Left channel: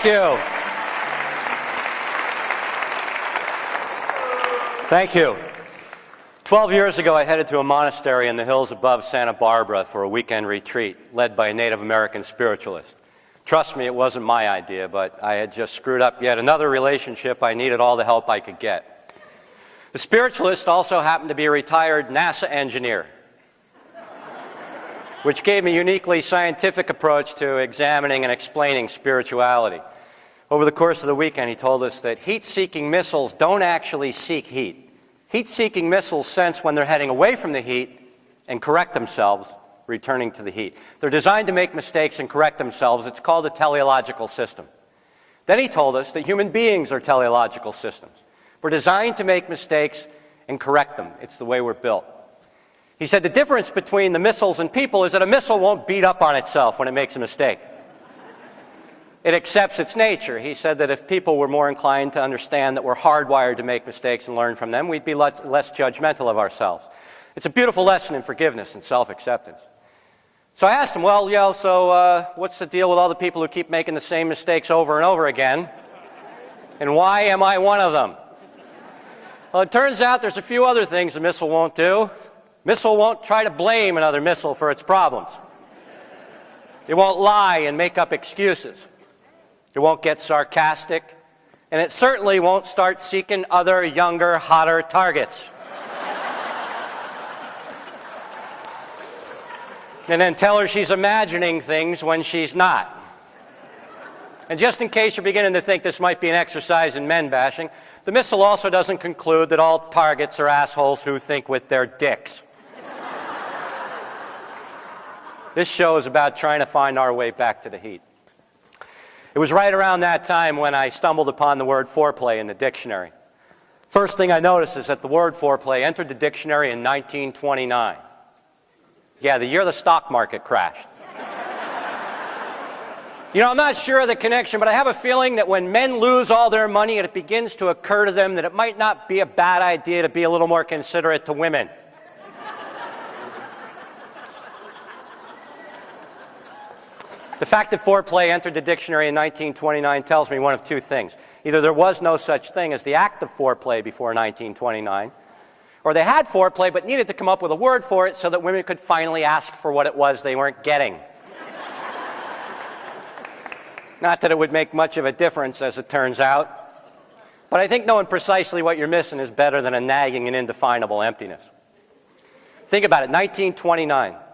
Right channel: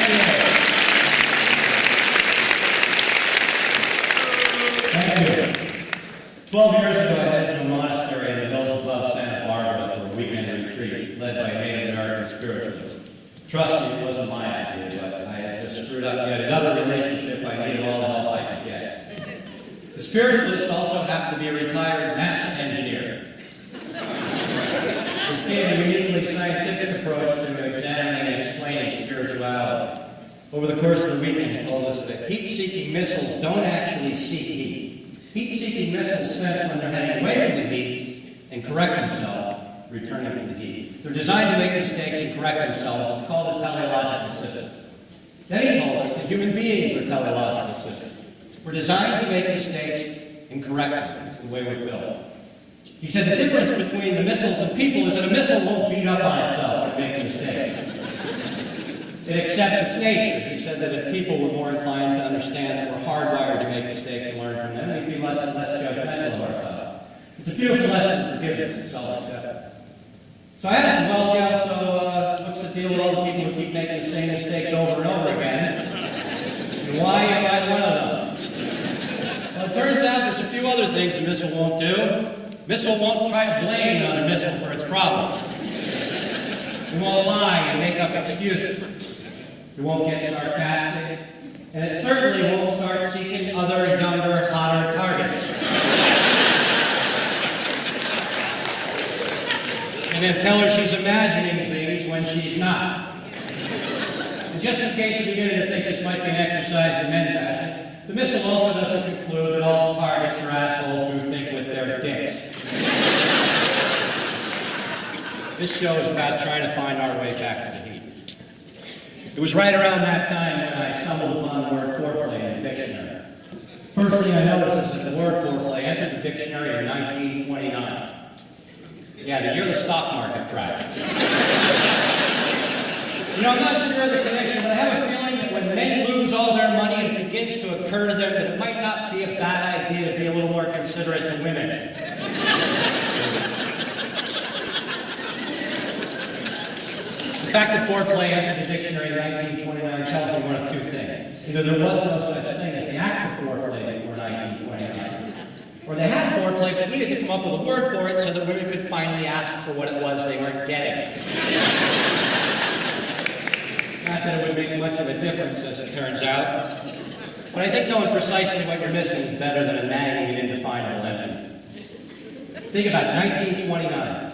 Thank you. Thank you. 12 years ago, I headed to a monastery in the hills above Santa Barbara for a weekend retreat led by a Native American spiritualist. Trust me, it wasn't my idea, but I had just screwed up yet another relationship. I needed all the help I could get. The spiritualist also happened to be a retired NASA engineer, which gave me a uniquely scientific approach to examining and explaining spirituality. Over the course of the weekend, he told us that heat-seeking missiles don't actually seek heat. Heat-seeking missiles sense when they're heading away from the heat and correct themselves, returning to the heat. They're designed to make mistakes and correct themselves. It's called a teleological system. Then he told us that human beings are teleological systems. We're designed to make mistakes and correct them. It's the way we're built. He said the difference between the missiles and people is that a missile won't beat up on itself when it makes a mistake. It accepts its nature. He said that if people were more inclined to understand that we're hardwired to make mistakes and learn from them, we'd be less judgmental of ourselves. It's a beautiful lesson in forgiveness and self-acceptance. So I asked him, well, what's the deal with all the people who keep making the same mistakes over and over again? And why am I one of them? Well, it turns out there's a few other things the missile won't do. Missile won't try to blame another missile for its problems. It won't lie and make up excuses. It won't get sarcastic, and it certainly won't start seeking other, younger, hotter targets. And then tell her she's imagining things when she's not. And just in case you're beginning to think this might be an exercise in men bashing, the missile also doesn't conclude that all targets are assholes who think with their dicks. This show is about trying to find our way back to the heat. It was right around that time when I stumbled upon the word foreplay in the dictionary. First thing I noticed is that the word foreplay entered the dictionary in 1929. Yeah, the year the stock market crashed. You know, I'm not sure of the connection, but I have a feeling that when men lose all their money, it begins to occur to them that it might not be a bad idea to be a little more considerate to women. The fact that foreplay entered the dictionary in 1929 tells me one of two things. Either there was no such thing as the act of foreplay before 1929, or they had foreplay but needed to come up with a word for it so that women could finally ask for what it was they weren't getting. Not that it would make much of a difference, as it turns out, but I think knowing precisely what you're missing is better than a nagging and indefinable emptiness. Think about it, 1929.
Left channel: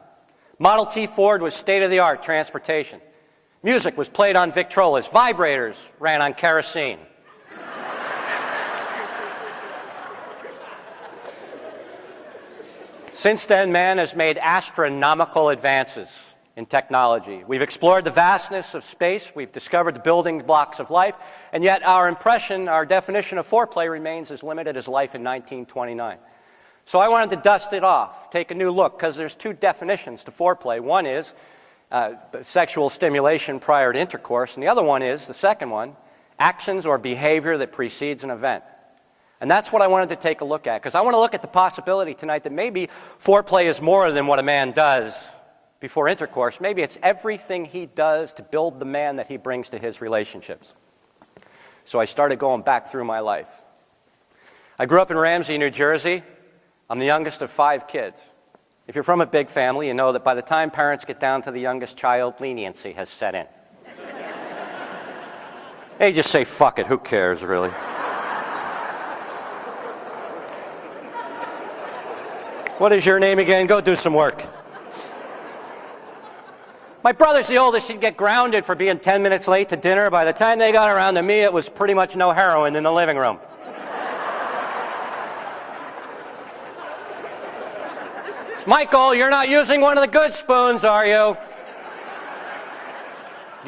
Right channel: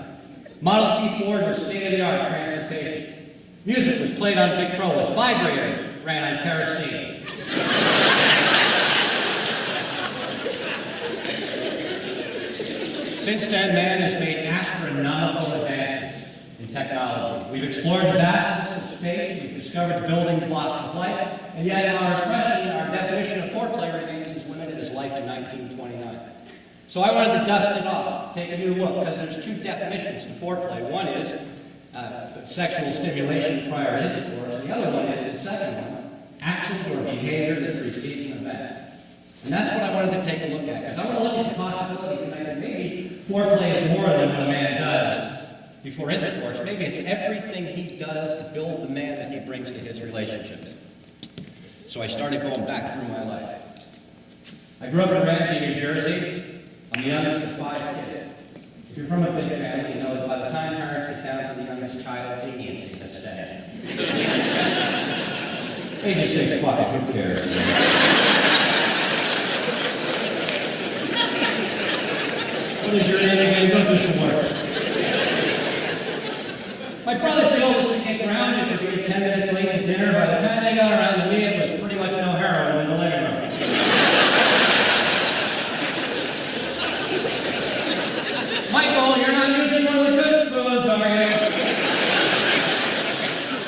Model T Ford was state-of-the-art transportation. Music was played on Victrolas. Vibrators ran on kerosene. Since then, man has made astronomical advances in technology. We've explored the vastness of space, we've discovered the building blocks of life, and yet our definition of foreplay remains as limited as life in 1929. So I wanted to dust it off, take a new look, because there's two definitions to foreplay. One is sexual stimulation prior to intercourse, and the other one is, the second one, actions or behavior that precedes an event. And that's what I wanted to take a look at, because I want to look at the possibility tonight that maybe foreplay is more than what a man does before intercourse. Maybe it's everything he does to build the man that he brings to his relationships. So I started going back through my life. I grew up in Ramsey, New Jersey. I'm the youngest of 5 kids. If you're from a big family, you know that by the time parents get down to the youngest child, leniency has set in. They just say, fuck it, who cares, really? What is your name again? Go do some work. My brother's the oldest. He'd get grounded for being 10 minutes late to dinner. By the time they got around to me, it was pretty much no heroin in the living room. Michael, you're not using one of the good spoons, are you?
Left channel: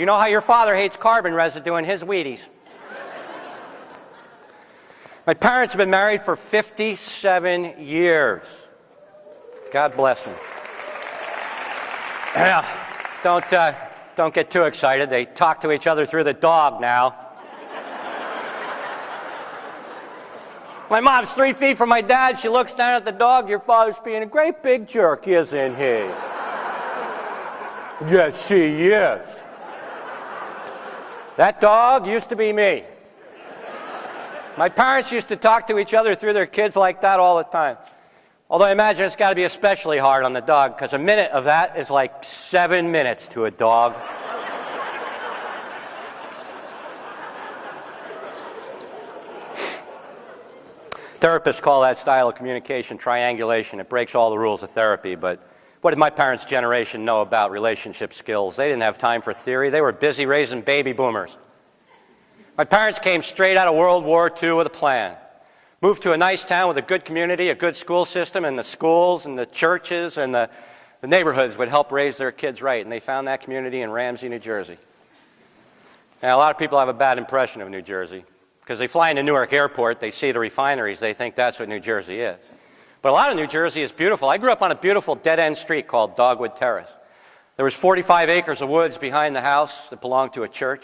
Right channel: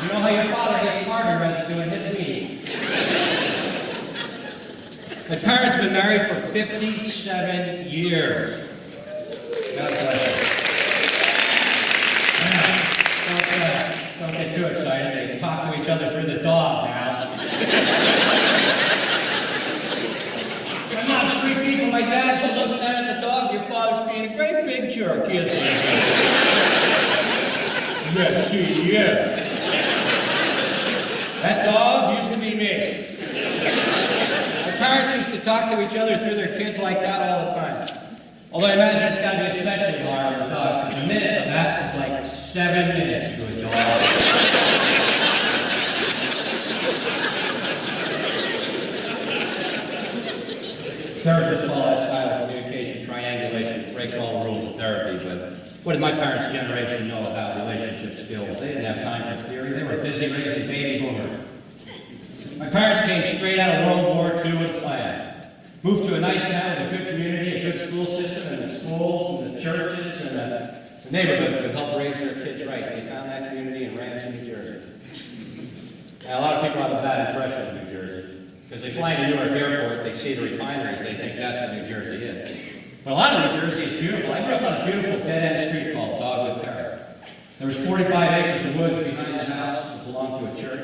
You know how your father hates carbon residue in his Wheaties. My parents have been married for 57 years. God bless them. Yeah, don't get too excited. They talk to each other through the dog now. My mom's 3 feet from my dad. She looks down at the dog. Your father's being a great big jerk, isn't he? Yes, he is. That dog used to be me. My parents used to talk to each other through their kids like that all the time. Although I imagine it's got to be especially hard on the dog, because a minute of that is like 7 minutes to a dog. Therapists call that style of communication triangulation. It breaks all the rules of therapy, but what did my parents' generation know about relationship skills? They didn't have time for theory. They were busy raising baby boomers. My parents came straight out of World War II with a plan. Moved to a nice town with a good community, a good school system, and the schools and the churches and the neighborhoods would help raise their kids right. And they found that community in Ramsey, New Jersey. Now, a lot of people have a bad impression of New Jersey. Because they fly into Newark Airport, they see the refineries, they think that's what New Jersey is. But a lot of New Jersey is beautiful. I grew up on a beautiful dead-end street called Dogwood Terrace. There was 45 acres of woods behind the house that belonged to a church.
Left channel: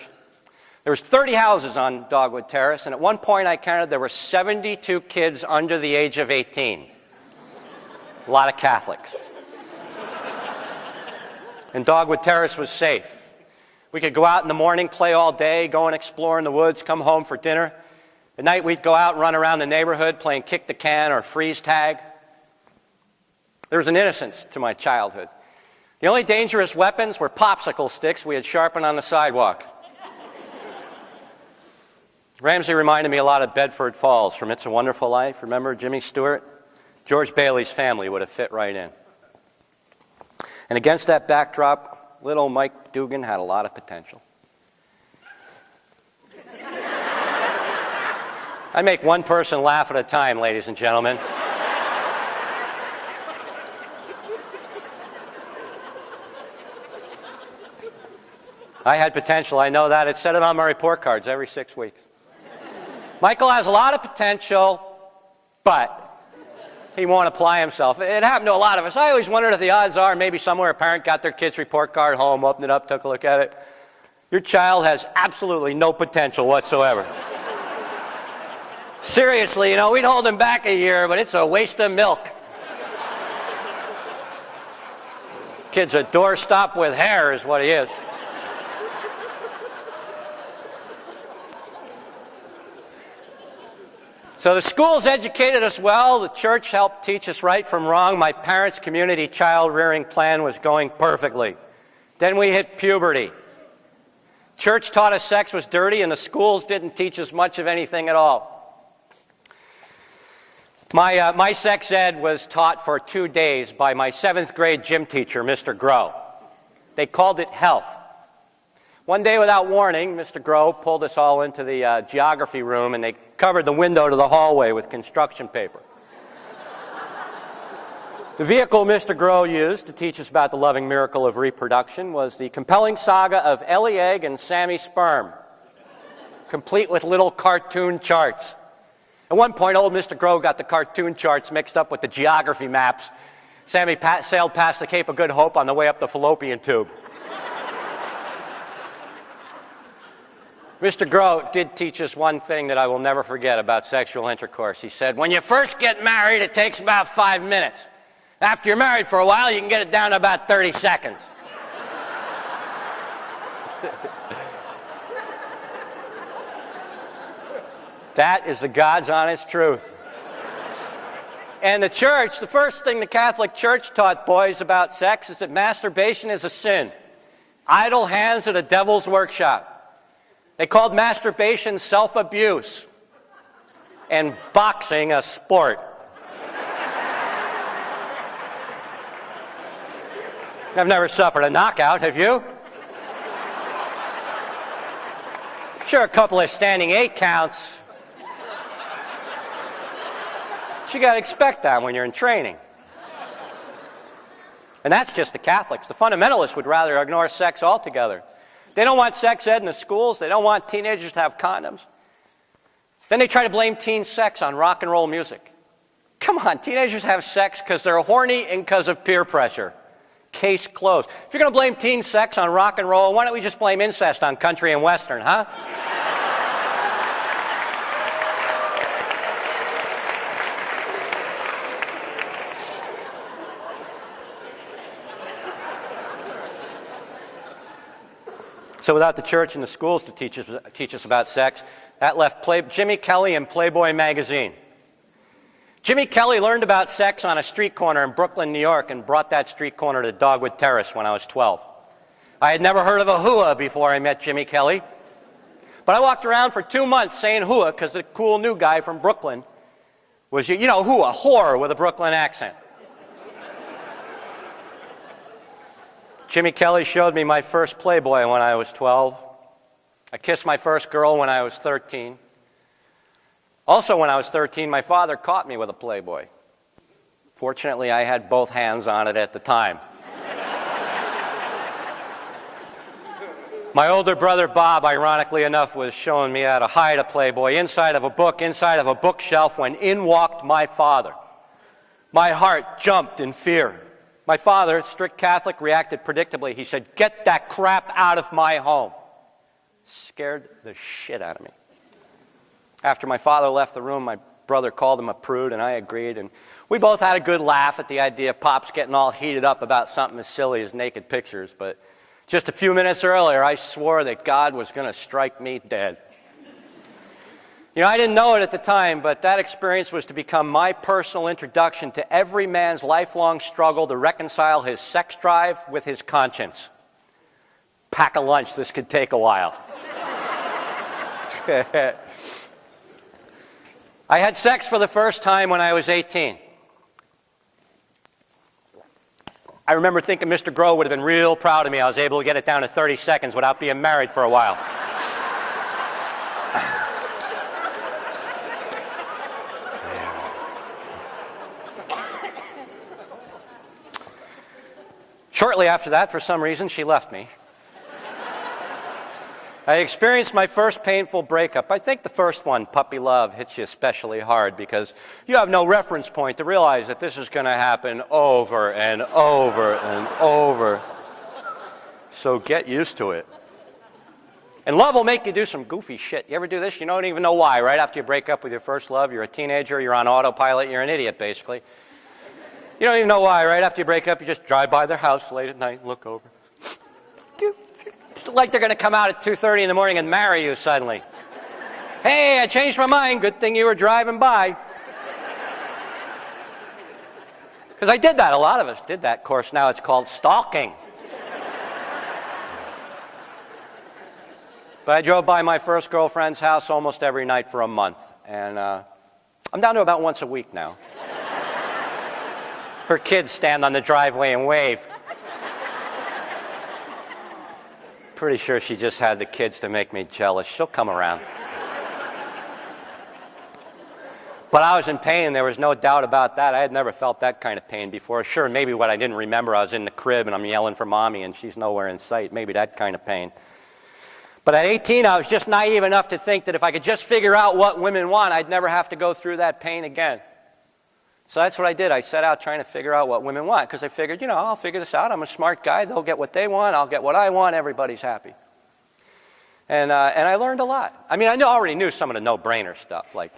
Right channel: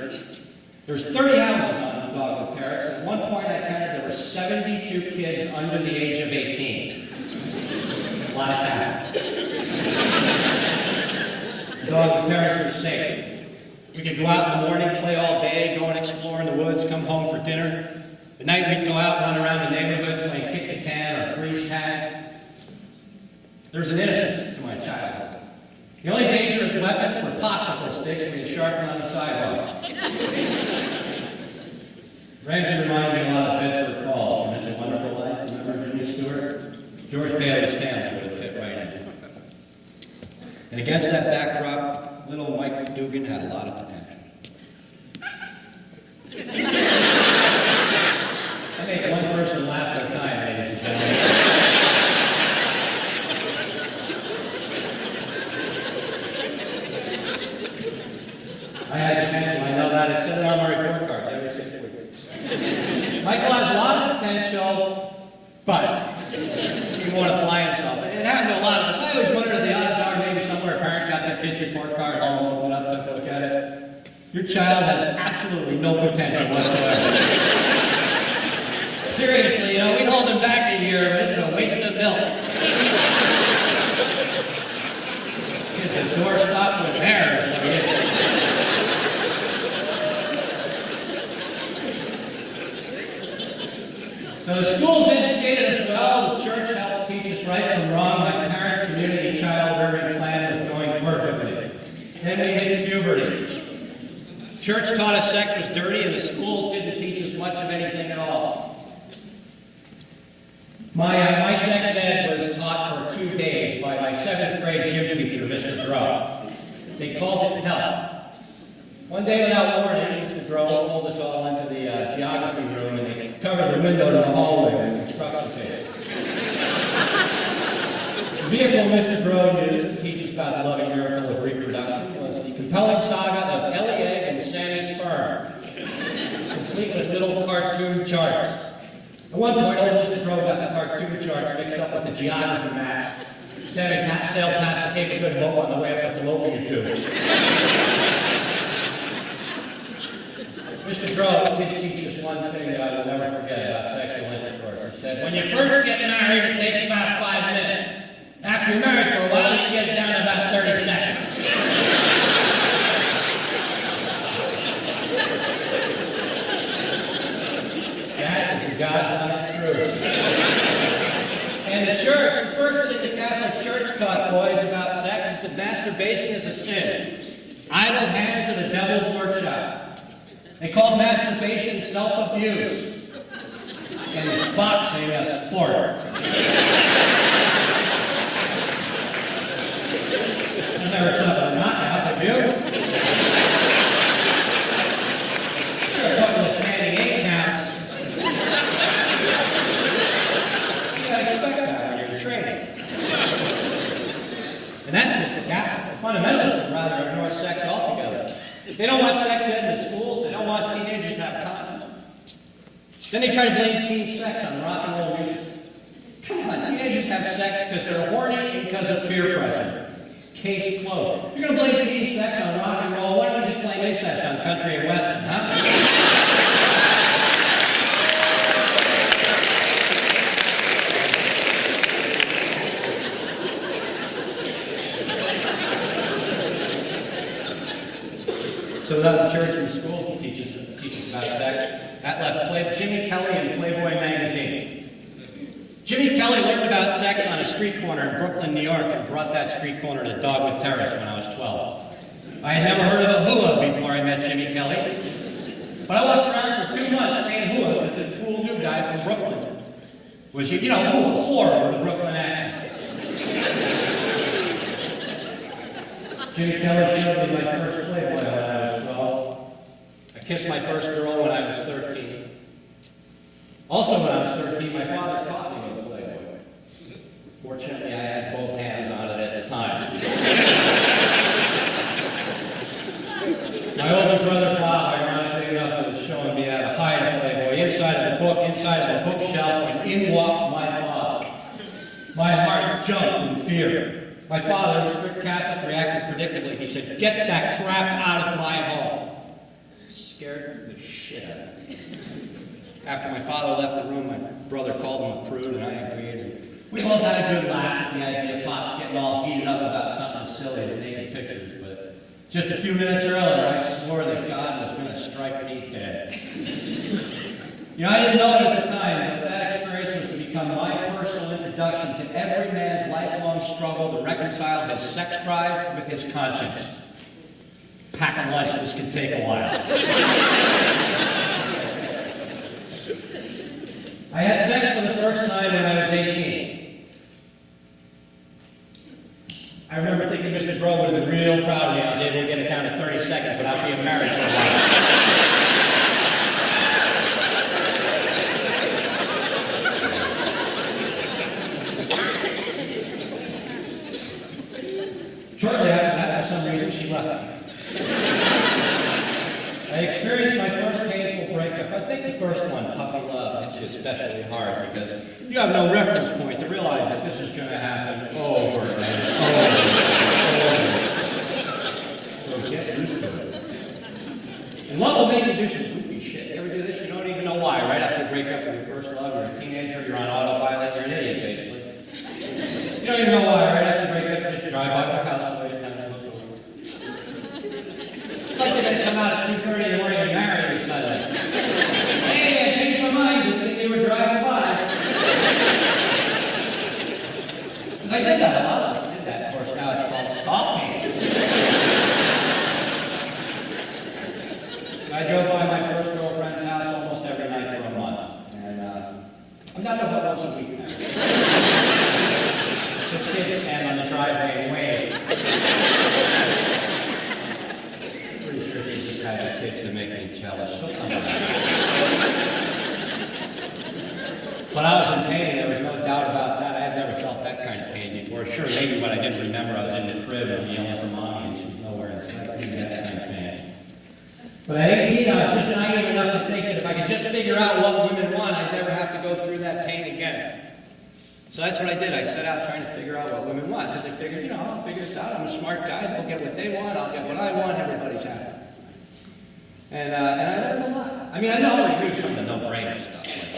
There was 30 houses on Dogwood Terrace, and at one point I counted there were 72 kids under the age of 18. A lot of Catholics. And Dogwood Terrace was safe. We could go out in the morning, play all day, go and explore in the woods, come home for dinner. At night we'd go out and run around the neighborhood playing kick the can or freeze tag. There was an innocence to my childhood. The only dangerous weapons were popsicle sticks we had sharpened on the sidewalk. Ramsey reminded me a lot of Bedford Falls from It's a Wonderful Life. Remember Jimmy Stewart? George Bailey's family would have fit right in. And against that backdrop, little Mike Dugan had a lot of potential. I make one person laugh at a time, ladies and gentlemen. I had potential, I know that. I said it on my report cards every 6 weeks. Michael has a lot of potential, but he won't apply himself. It happened to a lot of us. I always wondered if the odds are maybe somewhere a parent got their kid's report card home, opened it up, took a look at it. Your child has absolutely no potential whatsoever. Seriously, we'd hold him back a year, but it's a waste of milk. Kid's a doorstop with hair is what he is. So the schools educated us well, the church helped teach us right from wrong. My parents' community child-rearing plan was going perfectly. Then we hit puberty. Church taught us sex was dirty, and the schools didn't teach us much of anything at all. My sex ed was taught for 2 days by my 7th grade gym teacher, Mr. Grow. They called it health. One day, without warning, Mr. Grow pulled us all into the geography room, and they covered the window to the hallway with construction paper. The vehicle Mr. Grow used to teach us about the loving miracle of reproduction was the compelling saga of Ellie Egg and Sammy Sperm, complete with little cartoon charts. At one point, old Mr. Grow got the cartoon charts mixed up with the geography maps. Sammy sailed past the Cape of Good Hope on the way up the fallopian tube. Mr. Grow did teach us one thing that I will never forget about sexual intercourse. He said, when you first get married, it takes about 5 minutes. After you're married for a while, you can get it down to about 30 seconds. That is the God's honest truth. And the church, the first thing the Catholic Church taught boys about sex is that masturbation is a sin. Idle hands are the devil's workshop. They called masturbation self-abuse and boxing a sport. I've never suffered a knockout, have you? Sure, a couple of standing 8 counts. So you gotta expect that when you're in training. And that's just the Catholics. The fundamentalists would rather ignore sex altogether. They don't want sex ed in the schools. They don't want teenagers to have condoms. Then they try to blame teen sex on rock and roll music. Come on, teenagers have sex because they're horny and because of peer pressure. Case closed. If you're going to blame teen sex on rock and roll, why don't we just blame incest on country and western, huh? So without the church and the schools to teach us about sex, that left Jimmy Kelly and Playboy magazine. Jimmy Kelly learned about sex on a street corner in Brooklyn, New York, and brought that street corner to Dogwood Terrace when I was 12. I had never heard of a hua before I met Jimmy Kelly, but I walked around for 2 months saying hua because the cool new guy from Brooklyn was, you know, hua, whore with a Brooklyn accent. Jimmy Kelly showed me my first Playboy when I was 12. I kissed my first girl when I was 13. Also, when I was 13, my father caught me with a Playboy. Fortunately, I had both hands on it at the time. My older brother, Bob, ironically enough, was showing me how to hide a Playboy inside of a bookshelf, when in walked my father. My heart jumped in fear. My father, strict Catholic, reacted predictably. He said, "Get that crap out of my home." Scared the shit out of me. After my father left the room, my brother called him a prude, and I agreed. And we both had a good laugh at the idea of Pops getting all heated up about something as silly as naked pictures. But just a few minutes earlier, I swore that God was going to strike me dead. You know, I didn't know it at the time, but that experience was to become my personal introduction to every man's lifelong struggle to reconcile his sex drive with his conscience. Pack a lunch, this could take a while. I had sex for the first time when I was 18. I remember thinking Mr. Grove would have been real proud of me. I was able to get it down to 30 seconds without being married for a while. Shortly after that, for some reason, she left me. I experienced my first painful breakup. I think the first one, puppy love, hits you especially hard because you have no reference point to realize that this is going to happen over and over and over. So get used to it. And love will make you do some goofy shit. You ever do this? You don't even know why. Right after you break up with your first love, you're a teenager, you're on autopilot, you're an idiot, basically. You don't even know why. Right after you break up, you just drive by their house late at night and look over. It's like they're going to come out at 2:30 in the morning and marry you suddenly. Hey, I changed my mind. Good thing you were driving by. Because I did that. A lot of us did that. Of course, now it's called stalking. But I drove by my first girlfriend's house almost every night for a month. And I'm down to about once a week now. Her kids stand on the driveway and wave. Pretty sure she just had the kids to make me jealous. She'll come around. But I was in pain, and there was no doubt about that. I had never felt that kind of pain before. Sure, maybe what I didn't remember, I was in the crib and I'm yelling for mommy and she's nowhere in sight. Maybe that kind of pain. But at 18, I was just naive enough to think that if I could just figure out what women want, I'd never have to go through that pain again. So that's what I did. I set out trying to figure out what women want, because I figured, you know, I'll figure this out. I'm a smart guy. They'll get what they want. I'll get what I want. Everybody's happy. And I learned a lot. I mean, I already knew some of the no-brainer stuff. Like,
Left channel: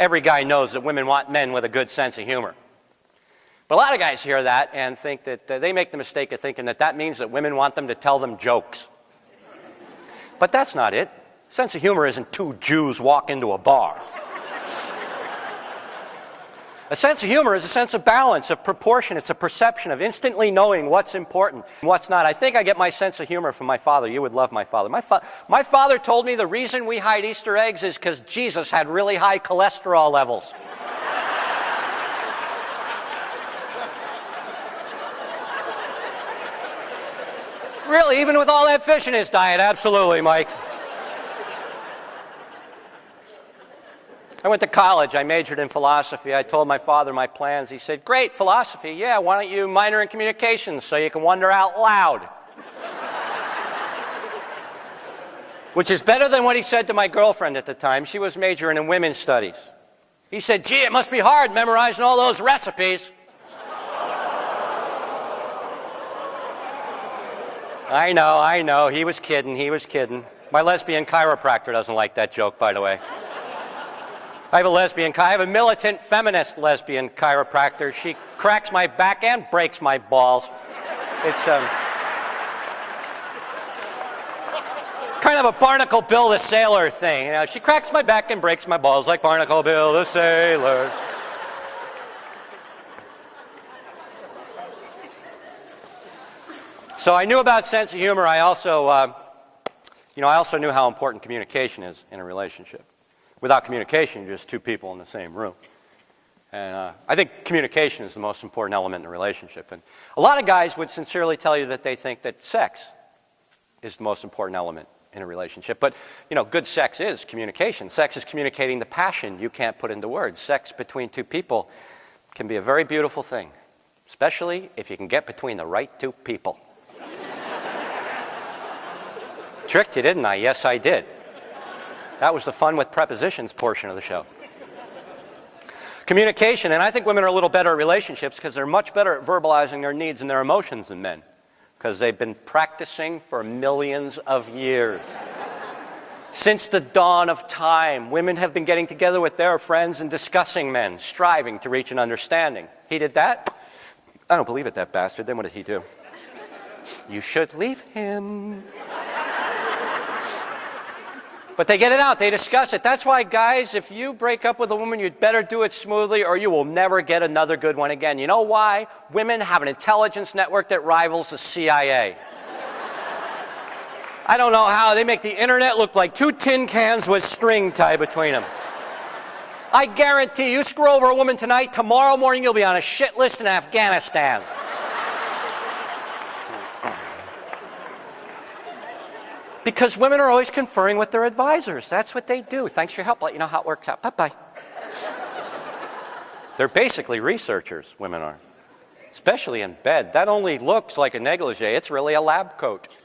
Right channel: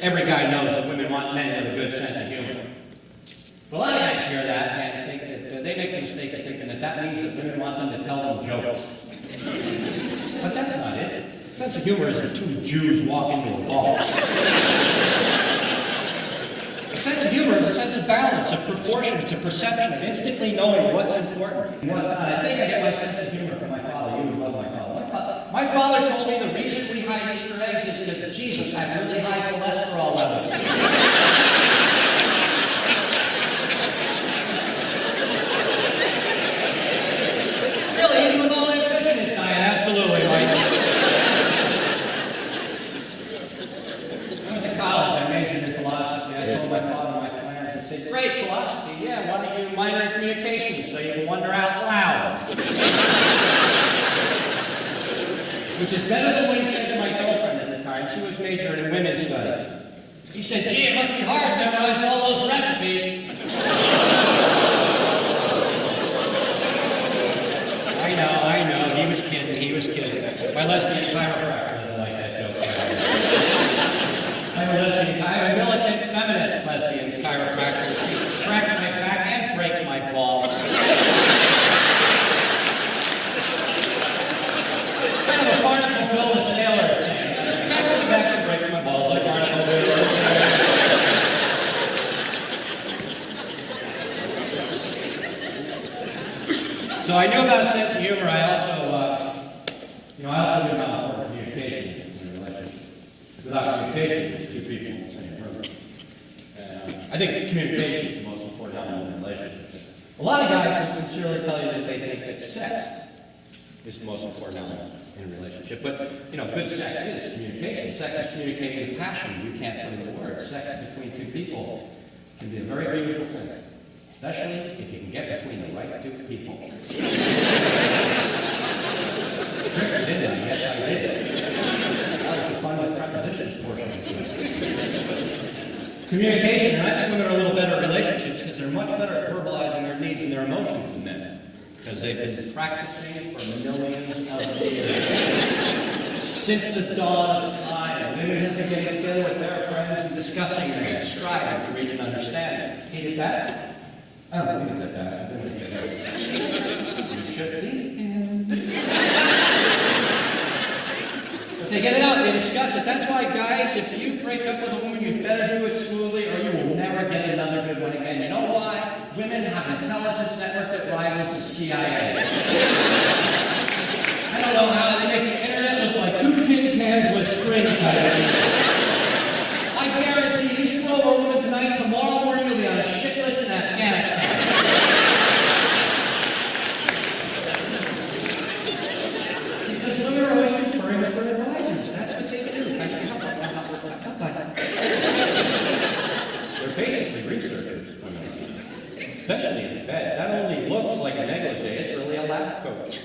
every guy knows that women want men with a good sense of humor. But a lot of guys hear that and think that they make the mistake of thinking that that means that women want them to tell them jokes. But that's not it. Sense of humor isn't two Jews walk into a bar. A sense of humor is a sense of balance, of proportion. It's a perception of instantly knowing what's important and what's not. I think I get my sense of humor from my father. You would love my father. My father told me the reason we hide Easter eggs is because Jesus had really high cholesterol levels. Really, even with all that fish in his diet, absolutely, Mike. I went to college. I majored in philosophy. I told my father my plans. He said, "Great, philosophy. Yeah, why don't you minor in communications so you can wonder out loud?" Which is better than what he said to my girlfriend at the time. She was majoring in women's studies. He said, "Gee, it must be hard memorizing all those recipes." I know. He was kidding. My lesbian chiropractor doesn't like that joke, by the way. I have a militant feminist lesbian chiropractor. She cracks my back and breaks my balls. Barnacle Bill the Sailor thing. You know, she cracks my back and breaks my balls like Barnacle Bill the Sailor. So I knew about sense of humor. I also knew how important communication is in a relationship. Without communication, you're just two people in the same room. And I think communication is the most important element in a relationship. And a lot of guys would sincerely tell you that they think that sex is the most important element in a relationship. But, good sex is communication. Sex is communicating the passion you can't put into words. Sex between two people can be a very beautiful thing, especially if you can get between the right two people. Tricked you, didn't I? Yes, I did. That was the fun with prepositions portion of the show. Communication, and I think women are a little better at relationships because they're much better at verbalizing their needs and their emotions than men, because they've been practicing for millions of years. Since the dawn of time, women have been getting together with their friends and discussing men, striving to reach an understanding. He did that? I don't believe it, that bastard. Then what did he do? You should leave him. But they get it out, they discuss it. That's why, guys, if you break up with a woman, you'd better do it smoothly or you will never get another good one again. You know why? Women have an intelligence network that rivals the CIA. I don't know how. They make the internet look like two tin cans with string tied between them. I guarantee you, screw over a woman tonight, tomorrow morning you'll be on a shit list in Afghanistan. Because women are always conferring with their advisors. That's what they do. Thanks for your help. Let you know how it works out. Bye-bye. They're basically researchers, women are. Especially in bed. That only looks like a negligee. It's really a lab coat.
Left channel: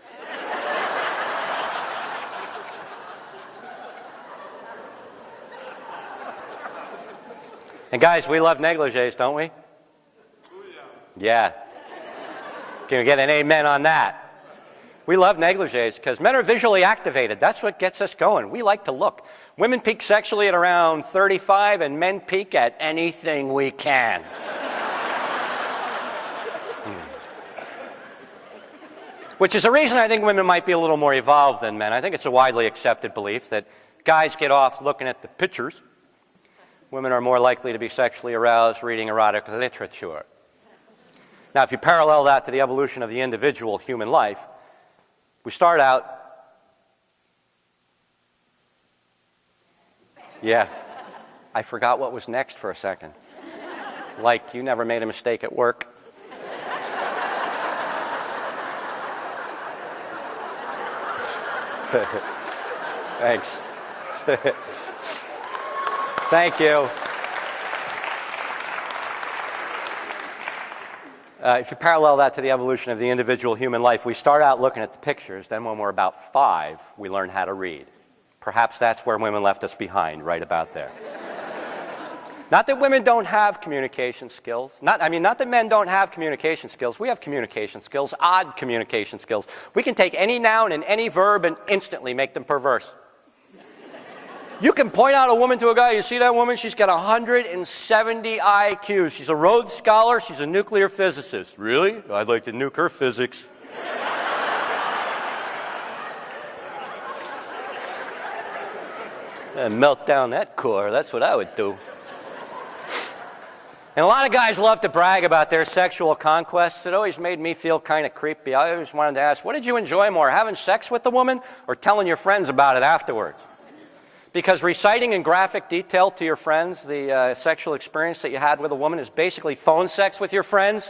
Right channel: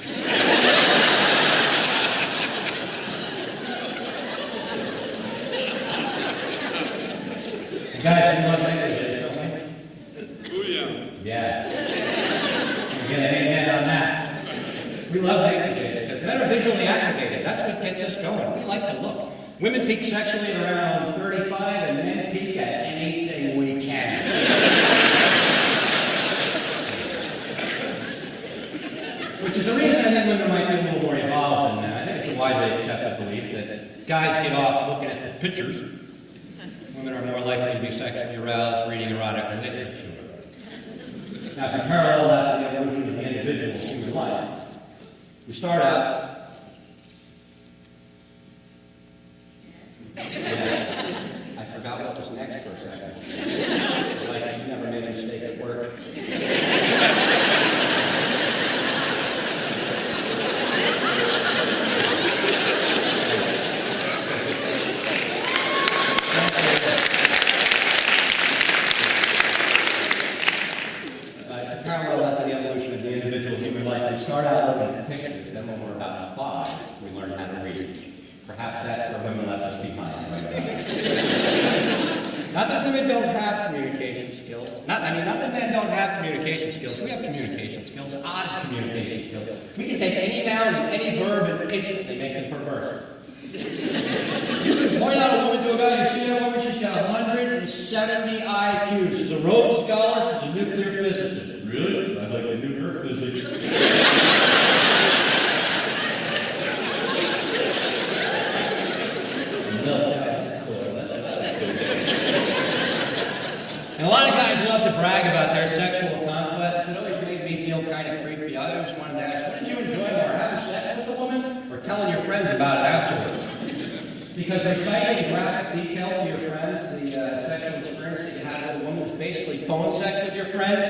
And guys, we love negligees, don't we? Yeah. Can we get an amen on that? We love negligees because men are visually activated. That's what gets us going. We like to look. Women peak sexually at around 35 and men peak at anything we can. Which is a reason I think women might be a little more evolved than men. I think it's a widely accepted belief that guys get off looking at the pictures. Women are more likely to be sexually aroused reading erotic literature. Now, if you parallel that to the evolution of the individual human life, we start out... Yeah, I forgot what was next for a second. Like, you never made a mistake at work. Thanks. Thank you. If you parallel that to the evolution of the individual human life, we start out looking at the pictures. Then when we're about 5, we learn how to read. Perhaps that's where women left us behind, right about there. Not that women don't have communication skills. Not that men don't have communication skills. We have communication skills, odd communication skills. We can take any noun and any verb and instantly make them perverse. You can point out a woman to a guy, you see that woman? She's got 170 IQ. She's a Rhodes Scholar, she's a nuclear physicist. Really? I'd like to nuke her physics. And melt down that core, that's what I would do. And a lot of guys love to brag about their sexual conquests. It always made me feel kind of creepy. I always wanted to ask, what did you enjoy more, having sex with the woman or telling your friends about it afterwards? Because reciting in graphic detail to your friends the sexual experience that you had with a woman is basically phone sex with your friends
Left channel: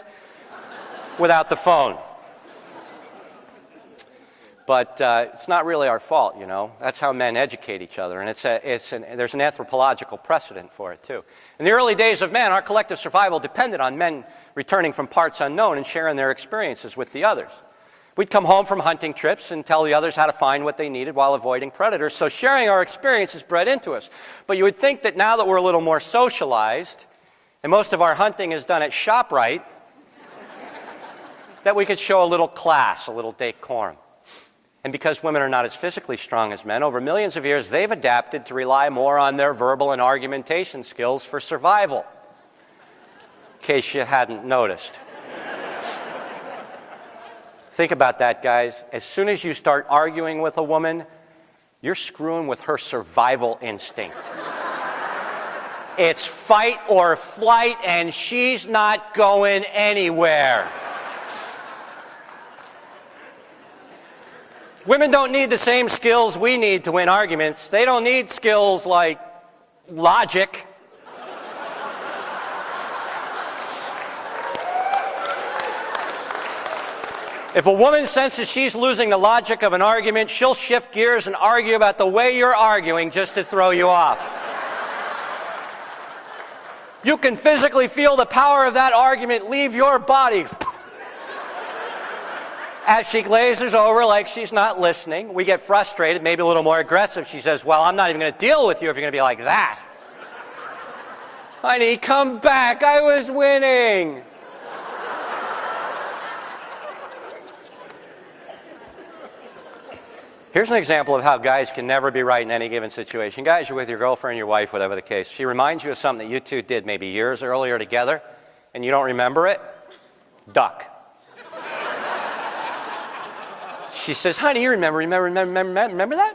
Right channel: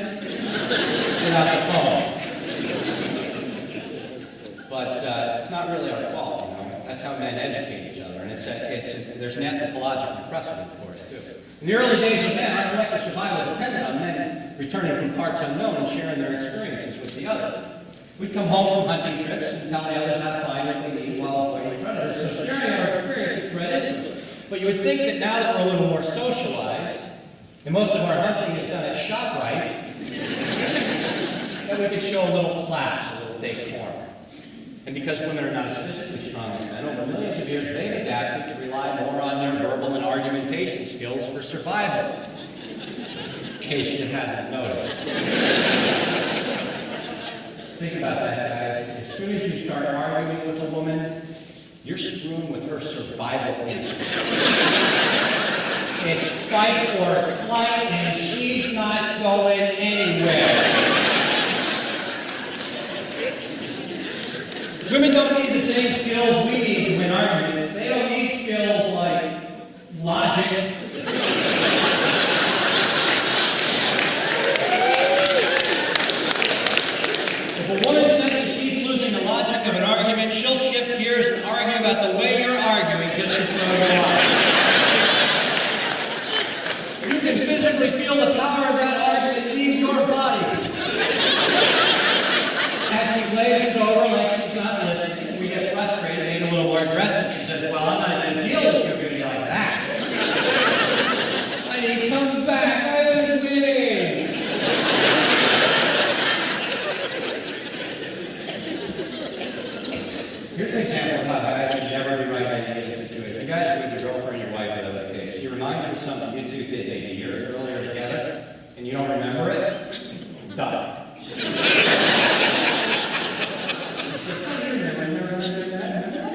without the phone. But it's not really our fault, you know. That's how men educate each other, and there's an anthropological precedent for it, too. In the early days of men, our collective survival depended on men returning from parts unknown and sharing their experiences with the others. We'd come home from hunting trips and tell the others how to find what they needed while avoiding predators, so sharing our experiences bred into us. But you would think that now that we're a little more socialized, and most of our hunting is done at ShopRite, that we could show a little class, a little decorum. And because women are not as physically strong as men, over millions of years, they've adapted to rely more on their verbal and argumentation skills for survival. In case you hadn't noticed. Think about that, guys. As soon as you start arguing with a woman, you're screwing with her survival instinct. It's fight or flight, and she's not going anywhere. Women don't need the same skills we need to win arguments. They don't need skills like logic. If a woman senses she's losing the logic of an argument, she'll shift gears and argue about the way you're arguing just to throw you off. You can physically feel the power of that argument leave your body. As she glazes over like she's not listening, we get frustrated, maybe a little more aggressive. She says, well, I'm not even going to deal with you if you're going to be like that. Honey, come back. I was winning. Here's an example of how guys can never be right in any given situation. Guys, you're with your girlfriend, your wife, whatever the case. She reminds you of something that you two did maybe years earlier together, and you don't remember it. Duck. She says, honey, you remember that?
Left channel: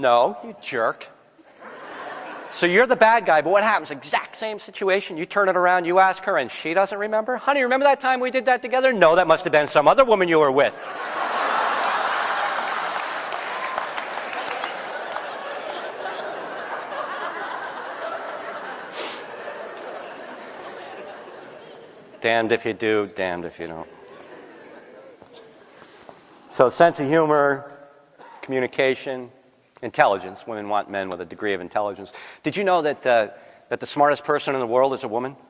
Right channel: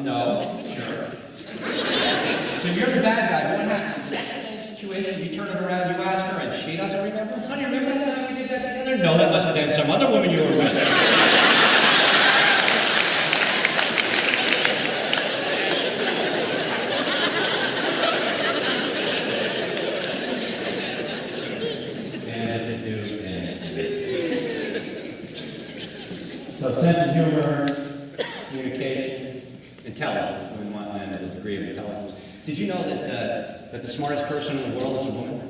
No, jerk. So you're the bad guy, but what happens? Exact same situation. You turn it around, you ask her, and she doesn't remember? Honey, remember that time we did that together? No, that must have been some other woman you were with. Damned if you do, damned if you don't. So sense of humor, communication, intelligence. Women want men with a degree of intelligence. Did you know that, that the smartest person in the world is a woman?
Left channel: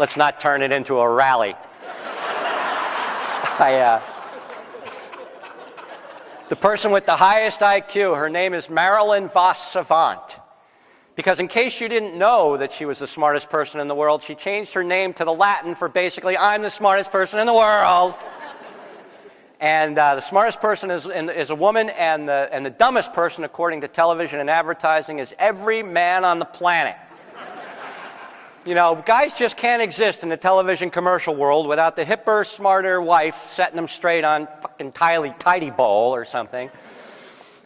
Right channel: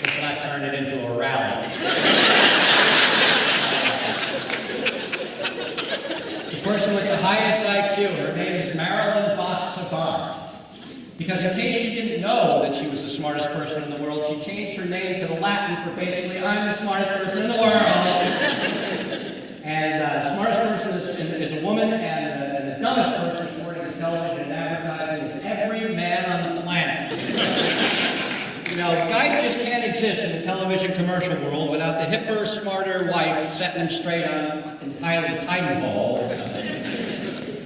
Let's not turn it into a rally. The person with the highest IQ, her name is Marilyn Vos Savant. Because in case you didn't know that she was the smartest person in the world, she changed her name to the Latin for basically, I'm the smartest person in the world. And the smartest person is a woman, and the dumbest person, according to television and advertising, is every man on the planet. You know, guys just can't exist in the television commercial world without the hipper, smarter wife setting them straight on fucking tidy bowl or something.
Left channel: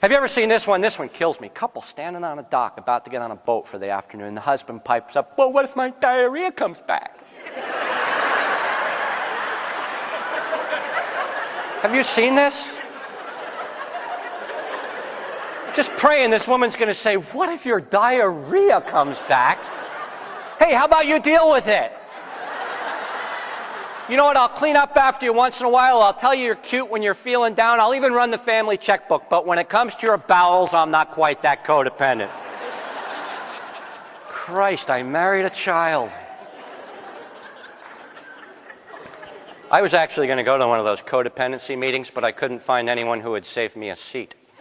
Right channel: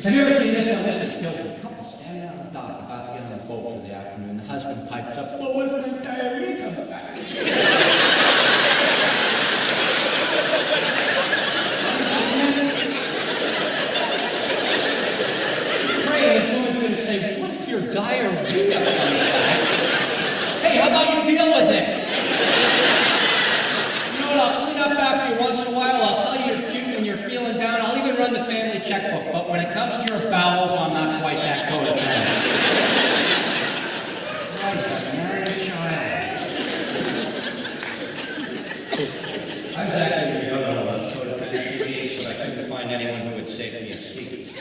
Have you ever seen this one? This one kills me. Couple standing on a dock about to get on a boat for the afternoon. The husband pipes up, well, what if my diarrhea comes back? Have you seen this? Just praying this woman's going to say, what if your diarrhea comes back? Hey, how about you deal with it? You know what, I'll clean up after you once in a while. I'll tell you you're cute when you're feeling down. I'll even run the family checkbook. But when it comes to your bowels, I'm not quite that codependent. Christ, I married a child. I was actually going to go to one of those codependency meetings, but I couldn't find anyone who would save me a seat.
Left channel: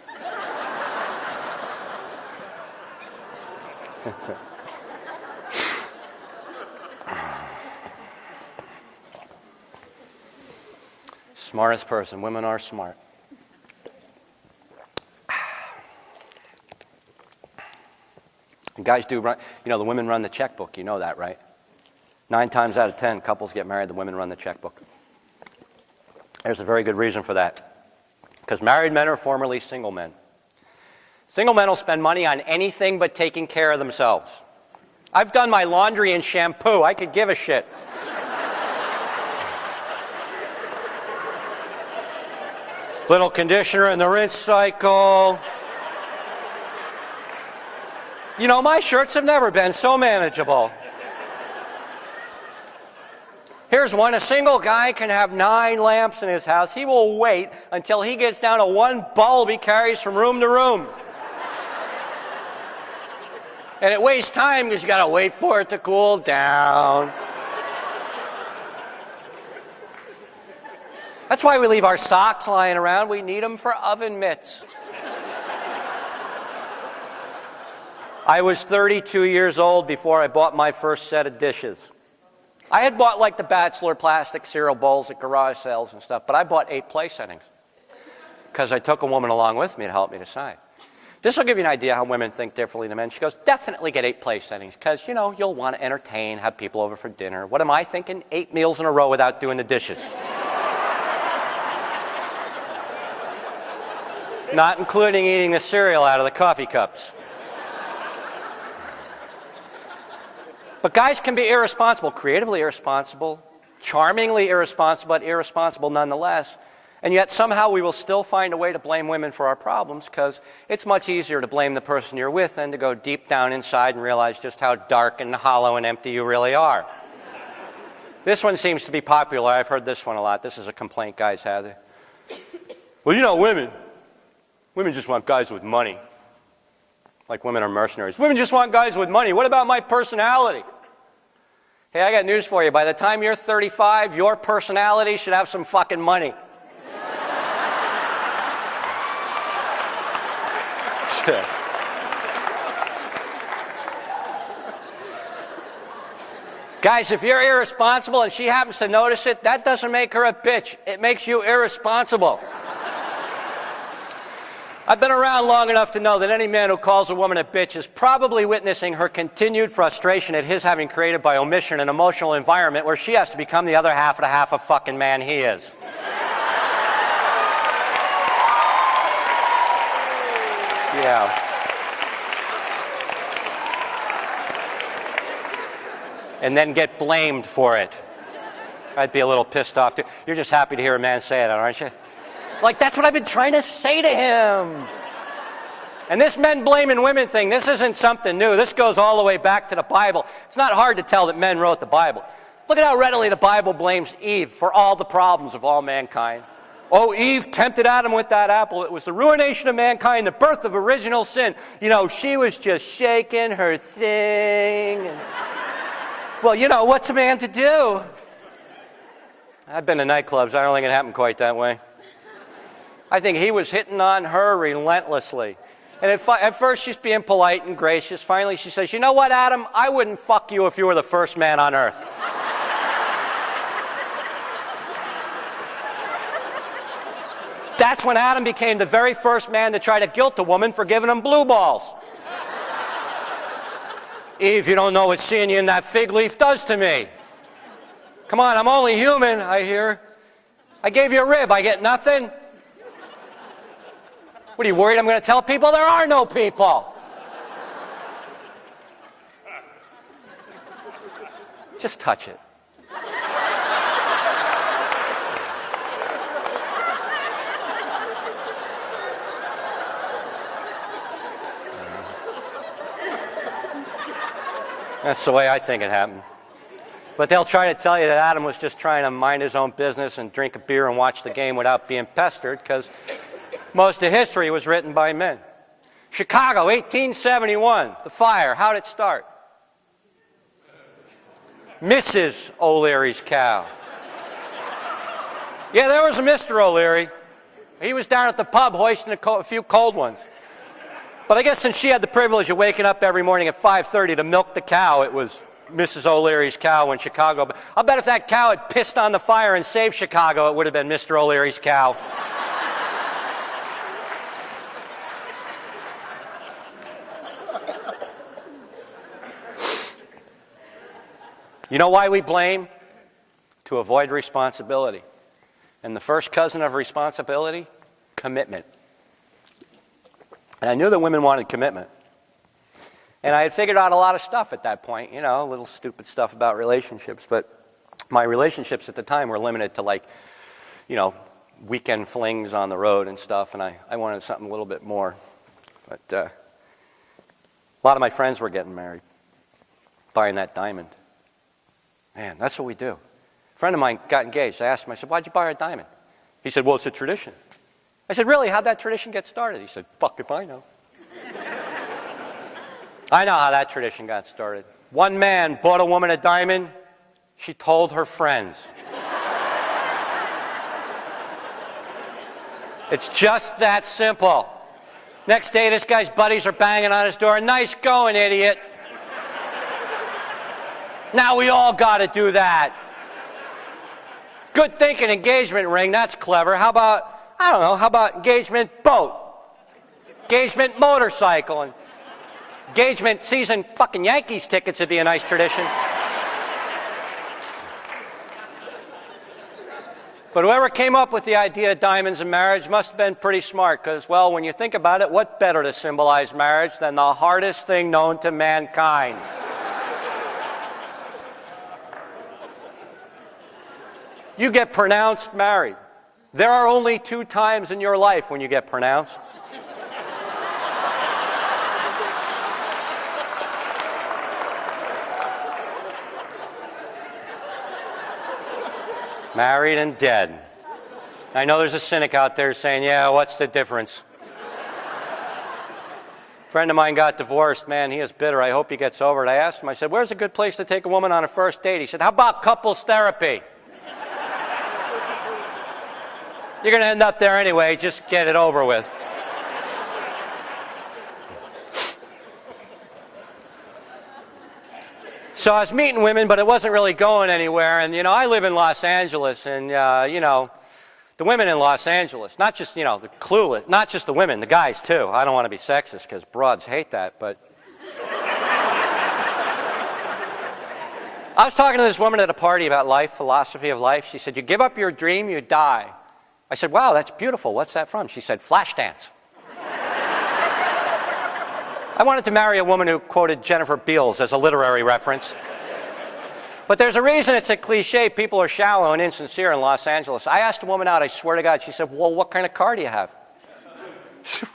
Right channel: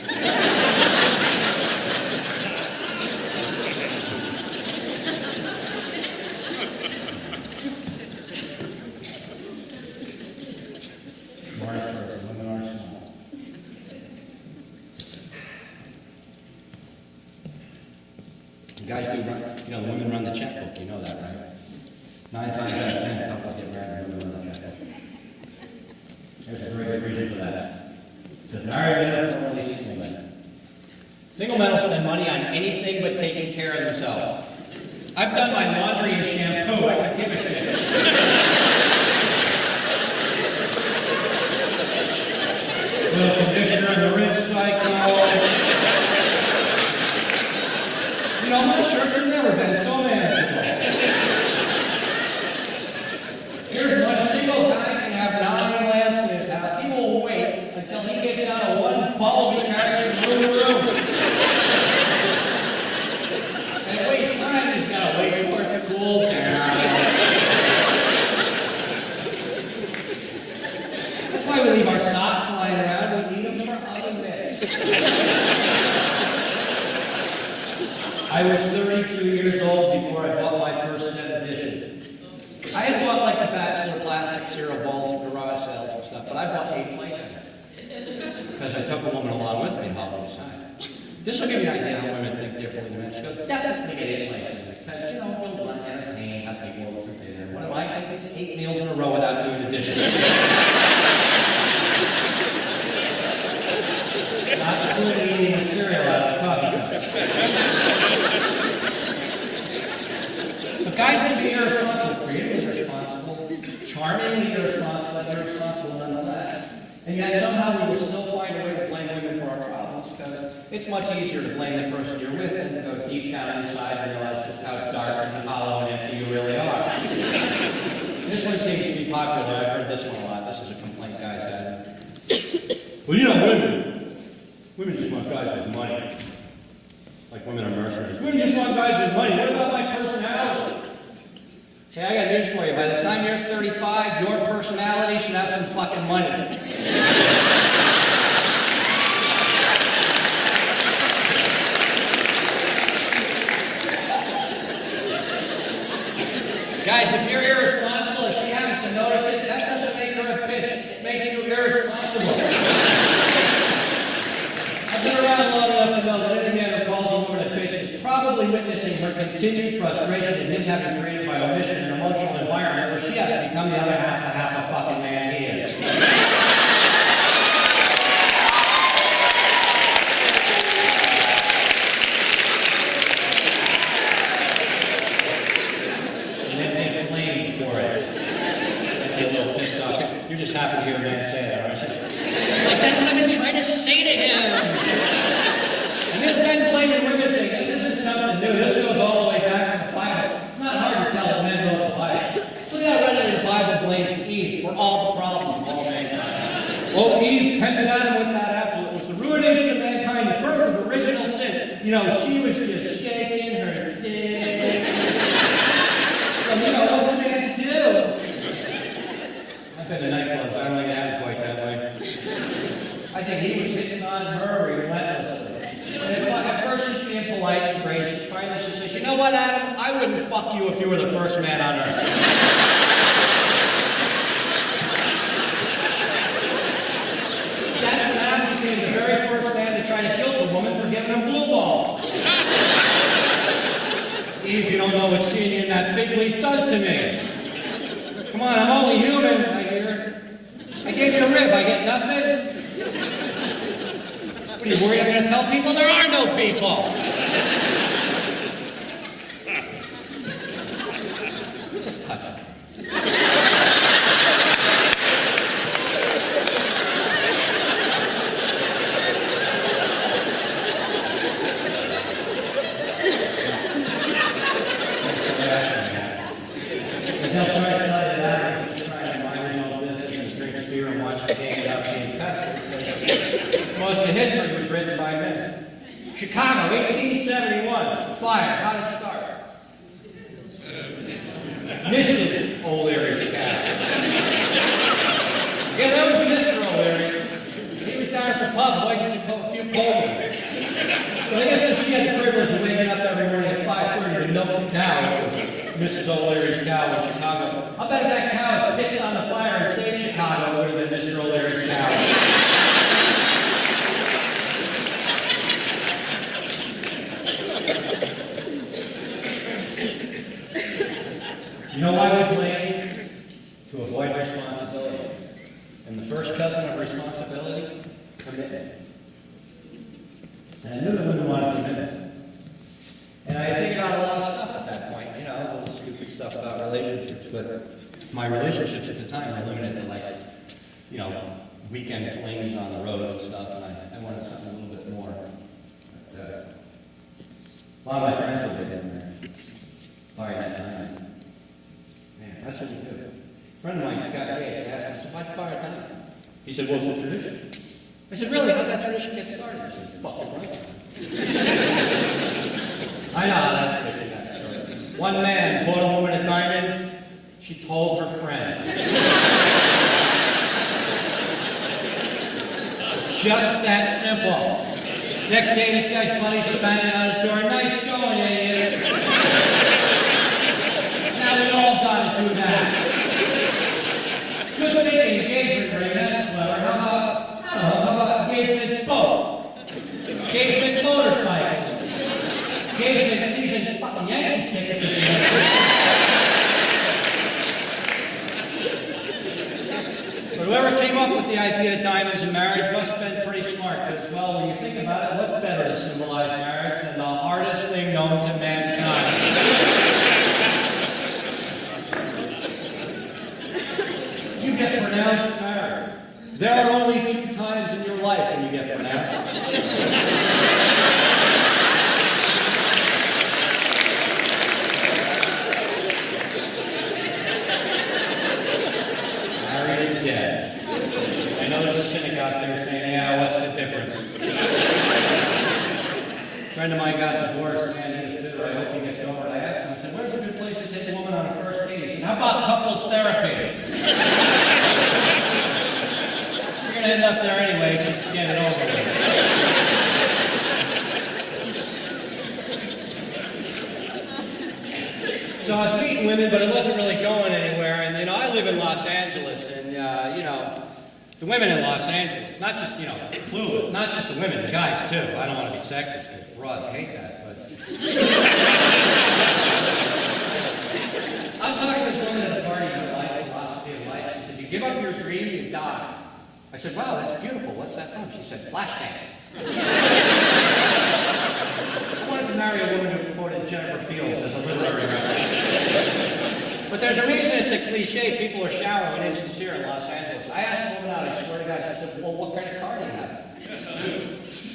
Smartest person. Women are smart. Guys do run, you know, the women run the checkbook. You know that, right? 9 times out of 10, couples get married, the women run the checkbook. There's a very good reason for that. Because married men are formerly single men. Single men will spend money on anything but taking care of themselves. I've done my laundry and shampoo. I could give a shit. Little conditioner in the rinse cycle. You know, my shirts have never been so manageable. Here's one. A single guy can have 9 lamps in his house. He will wait until he gets down to 1 bulb he carries from room to room. And it wastes time. He's got to wait for it to cool down. That's why we leave our socks lying around. We need them for oven mitts. I was 32 years old before I bought my first set of dishes. I had bought like the Bachelor plastic cereal bowls at garage sales and stuff, but I bought 8 place in it. Because I took a woman along with me to help me decide. This will give you an idea how women think differently than men. She goes, definitely get 8 play settings, because, you know, you'll want to entertain, have people over for dinner. What am I thinking? 8 meals in a row without doing the dishes. Not including eating the cereal out of the coffee cups. But guys can be irresponsible, creatively irresponsible, charmingly irresponsible, but irresponsible nonetheless. And yet somehow we will still find a way to blame women for our problems, because it's much easier to blame the person you're with than to go deep down inside and realize just how dark and hollow and empty you really are. This one seems to be popular. I've heard this one a lot. This is a complaint guys have. Well, you know, women just want guys with money. Like women are mercenaries. Women just want guys with money. What about my personality? Hey, I got news for you. By the time you're 35, your personality should have some fucking money. Guys, if you're irresponsible and she happens to notice it, that doesn't make her a bitch. It makes you irresponsible. I've been around long enough to know that any man who calls a woman a bitch is probably witnessing her continued frustration at his having created by omission an emotional environment where she has to become the other half of the half a fucking man he is. Yeah. And then get blamed for it. I'd be a little pissed off. You're just happy to hear a man say that, aren't you? Like, that's what I've been trying to say to him. And this men blaming women thing, this isn't something new. This goes all the way back to the Bible. It's not hard to tell that men wrote the Bible. Look at how readily the Bible blames Eve for all the problems of all mankind. Oh, Eve tempted Adam with that apple. It was the ruination of mankind, the birth of original sin. You know, she was just shaking her thing. Well, you know, what's a man to do? I've been to nightclubs. I don't think it happened quite that way. I think he was hitting on her relentlessly. And at first she's being polite and gracious. Finally she says, you know what, Adam? I wouldn't fuck you if you were the first man on earth. That's when Adam became the very first man to try to guilt the woman for giving him blue balls. Eve, you don't know what seeing you in that fig leaf does to me. Come on, I'm only human, I hear. I gave you a rib, I get nothing? What, are you worried I'm going to tell people? There are no people! Just touch it. That's the way I think it happened. But they'll try to tell you that Adam was just trying to mind his own business and drink a beer and watch the game without being pestered, because most of history was written by men. Chicago, 1871, the fire. How did it start? Mrs. O'Leary's cow. Yeah, there was Mr. O'Leary. He was down at the pub hoisting a few cold ones. But I guess since she had the privilege of waking up every morning at 5:30 to milk the cow, it was Mrs. O'Leary's cow in Chicago. But I'll bet if that cow had pissed on the fire and saved Chicago, it would have been Mr. O'Leary's cow. You know why we blame? To avoid responsibility. And the first cousin of responsibility? Commitment. And I knew that women wanted commitment. And I had figured out a lot of stuff at that point, you know, little stupid stuff about relationships, but my relationships at the time were limited to, like, you know, weekend flings on the road and stuff, and I wanted something a little bit more. But a lot of my friends were getting married, buying that diamond. Man, that's what we do. A friend of mine got engaged. I asked him, I said, why'd you buy her a diamond? He said, well, it's a tradition. I said, really? How'd that tradition get started? He said, fuck if I know. I know how that tradition got started. One man bought a woman a diamond. She told her friends. It's just that simple. Next day, this guy's buddies are banging on his door. Nice going, idiot. Now we all gotta do that. Good thinking, engagement ring. That's clever. How about, I don't know, how about engagement boat? Engagement motorcycle. Engagement season fucking Yankees tickets would be a nice tradition. But whoever came up with the idea of diamonds in marriage must have been pretty smart, because, well, when you think about it, what better to symbolize marriage than the hardest thing known to mankind? You get pronounced married. There are only 2 times in your life when you get pronounced. Married and dead. I know there's a cynic out there saying, yeah, what's the difference? A friend of mine got divorced. Man, he is bitter. I hope he gets over it. I asked him, I said, where's a good place to take a woman on a first date? He said, how about couples therapy? You're going to end up there anyway. Just get it over with. So I was meeting women, but it wasn't really going anywhere. And, you know, I live in Los Angeles, and, you know, the women in Los Angeles, not just, you know, clueless, not just the women, the guys, too. I don't want to be sexist, because broads hate that, but... I was talking to this woman at a party about life, philosophy of life. She said, you give up your dream, you die. I said, wow, that's beautiful. What's that from? She said, Flashdance. I wanted to marry a woman who quoted Jennifer Beals as a literary reference. But there's a reason it's a cliche. People are shallow and insincere in Los Angeles. I asked a woman out, I swear to God, she said, well, what kind of car do you have?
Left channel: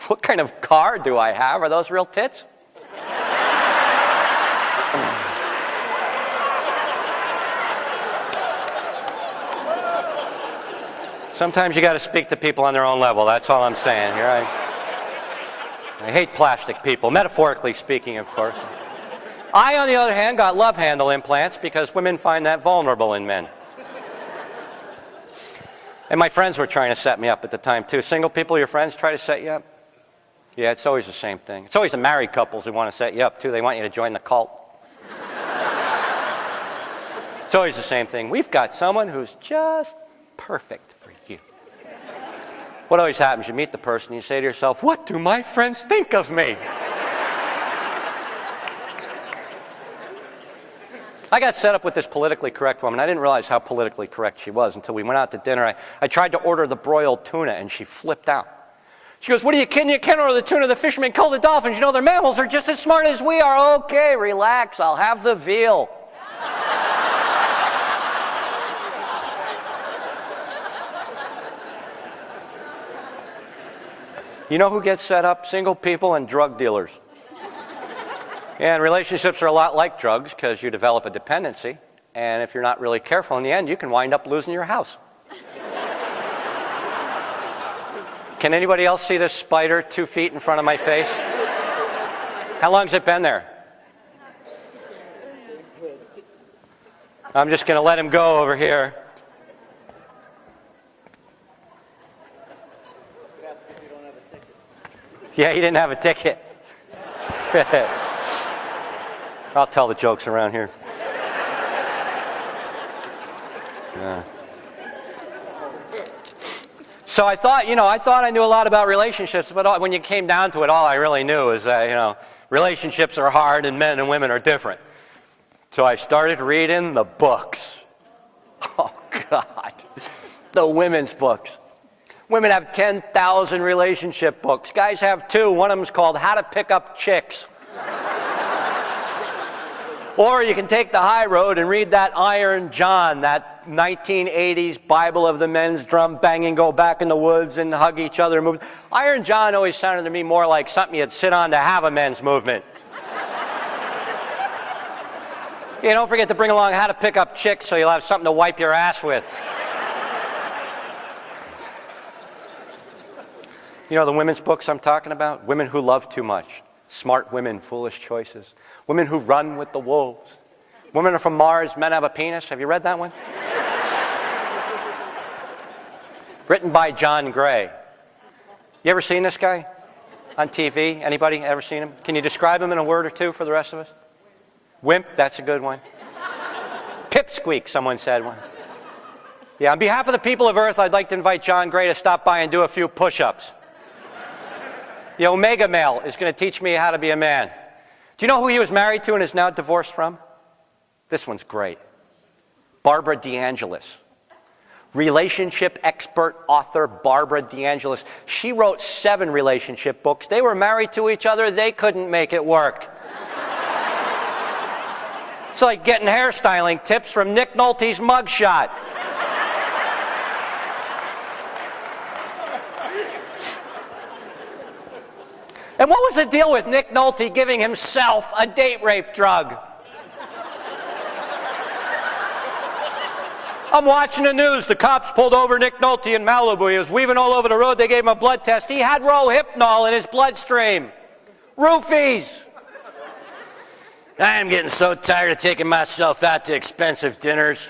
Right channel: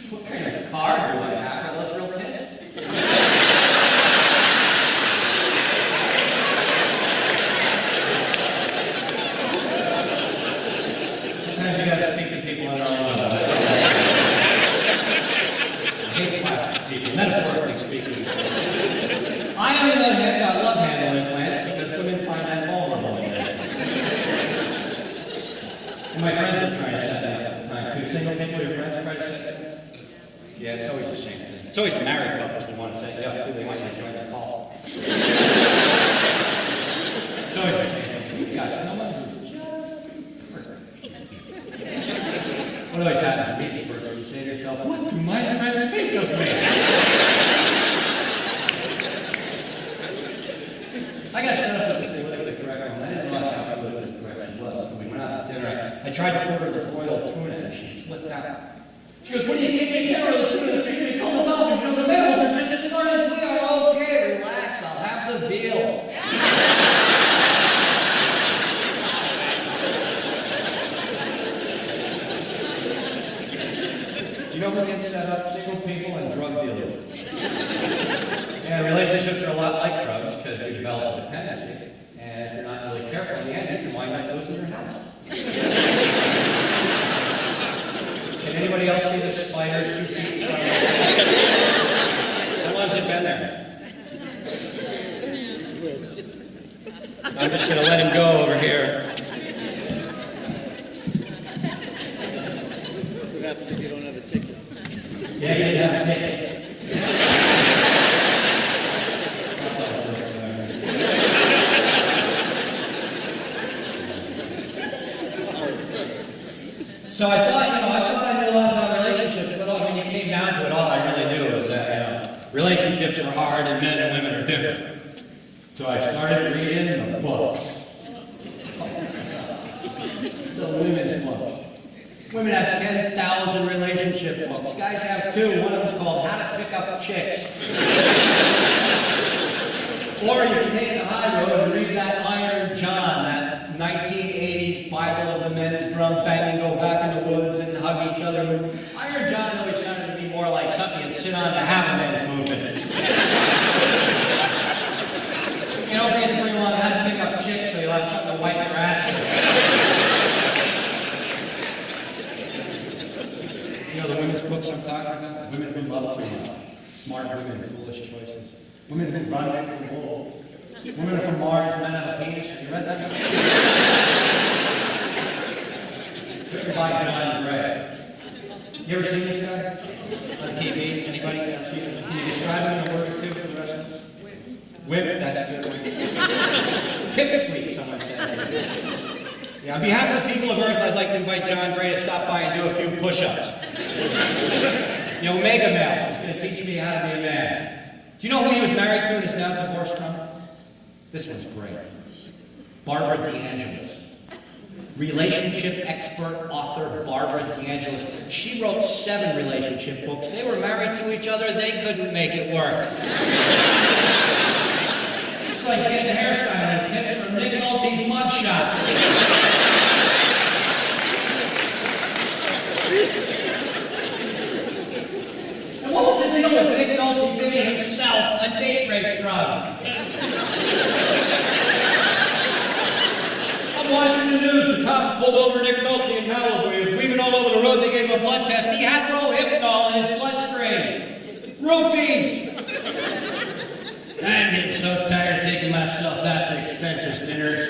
What kind of car do I have? Are those real tits? Sometimes you got to speak to people on their own level. That's all I'm saying. Right? I hate plastic people, metaphorically speaking, of course. I, on the other hand, got love handle implants because women find that vulnerable in men. And my friends were trying to set me up at the time, too. Single people, your friends try to set you up? Yeah, it's always the same thing. It's always the married couples who want to set you up, too. They want you to join the cult. It's always the same thing. We've got someone who's just perfect. What always happens, you meet the person, you say to yourself, what do my friends think of me? I got set up with this politically correct woman. I didn't realize how politically correct she was until we went out to dinner. I tried to order the broiled tuna, and she flipped out. She goes, what are you kidding? You can't order the tuna. The fishermen call the dolphins. You know, their mammals are just as smart as we are. Okay, relax. I'll have the veal. You know who gets set up? Single people and drug dealers. And relationships are a lot like drugs because you develop a dependency. And if you're not really careful, in the end, you can wind up losing your house. Can anybody else see this spider 2 feet in front of my face? How long has it been there? I'm just going to let him go over here. Yeah, he didn't have a ticket. I'll tell the jokes around here. Yeah. So I thought I knew a lot about relationships, but when you came down to it, all I really knew is that, relationships are hard and men and women are different. So I started reading the books. Oh, God. The women's books. Women have 10,000 relationship books. Guys have 2. One of them's called How to Pick Up Chicks. Or you can take the high road and read that Iron John, that 1980s Bible of the men's drum banging, go back in the woods and hug each other movement. Iron John always sounded to me more like something you'd sit on to have a men's movement. You don't forget to bring along How to Pick Up Chicks so you'll have something to wipe your ass with. You know the women's books I'm talking about? Women who love too much. Smart women, foolish choices. Women who run with the wolves. Women are from Mars, men have a penis. Have you read that one? Written by John Gray. You ever seen this guy on TV? Anybody ever seen him? Can you describe him in a word or two for the rest of us? Wimp, that's a good one. Pipsqueak, someone said one. Yeah, on behalf of the people of Earth, I'd like to invite John Gray to stop by and do a few push-ups. The omega male is going to teach me how to be a man. Do you know who he was married to and is now divorced from? This one's great. Barbara DeAngelis. Relationship expert, author Barbara DeAngelis. She wrote 7 relationship books. They were married to each other. They couldn't make it work. It's like getting hairstyling tips from Nick Nolte's mugshot. And what was the deal with Nick Nolte giving himself a date rape drug? I'm watching the news. The cops pulled over Nick Nolte in Malibu. He was weaving all over the road. They gave him a blood test. He had Rohypnol in his bloodstream. Roofies! I am getting so tired of taking myself out to expensive dinners.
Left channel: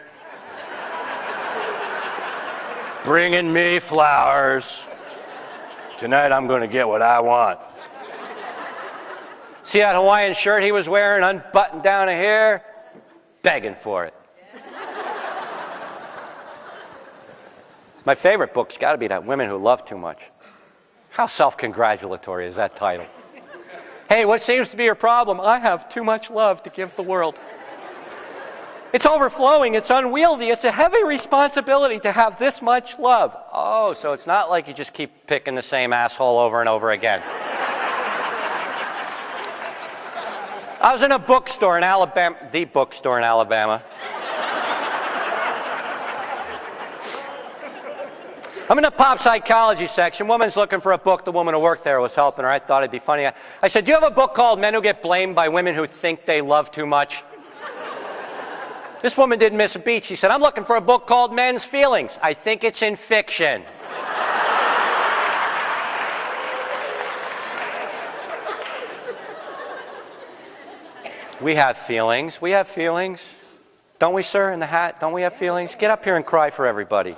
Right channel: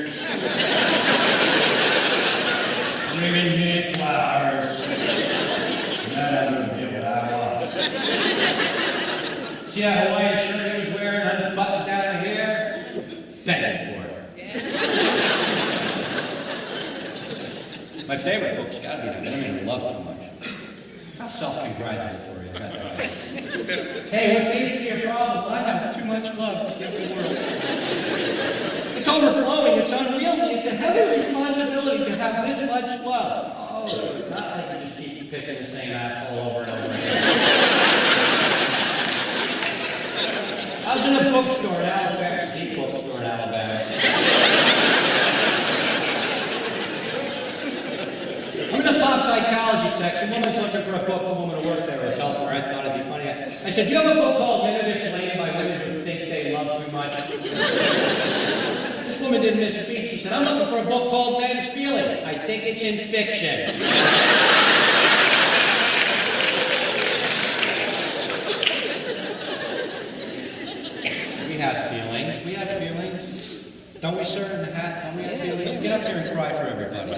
Bringing me flowers. Tonight I'm going to get what I want. See that Hawaiian shirt he was wearing, unbuttoned down to here? Begging for it. My favorite book's got to be that Women Who Love Too Much. How self-congratulatory is that title? Hey, what seems to be your problem? I have too much love to give the world. It's overflowing, it's unwieldy, it's a heavy responsibility to have this much love. Oh, so it's not like you just keep picking the same asshole over and over again. I was in a bookstore in Alabama, the bookstore in Alabama. I'm in the pop psychology section. Woman's looking for a book. The woman who worked there was helping her. I thought it'd be funny. I said, do you have a book called Men Who Get Blamed by Women Who Think They Love Too Much? This woman didn't miss a beat. She said, I'm looking for a book called Men's Feelings. I think it's in fiction. We have feelings. We have feelings. Don't we, sir, in the hat? Don't we have feelings? Get up here and cry for everybody.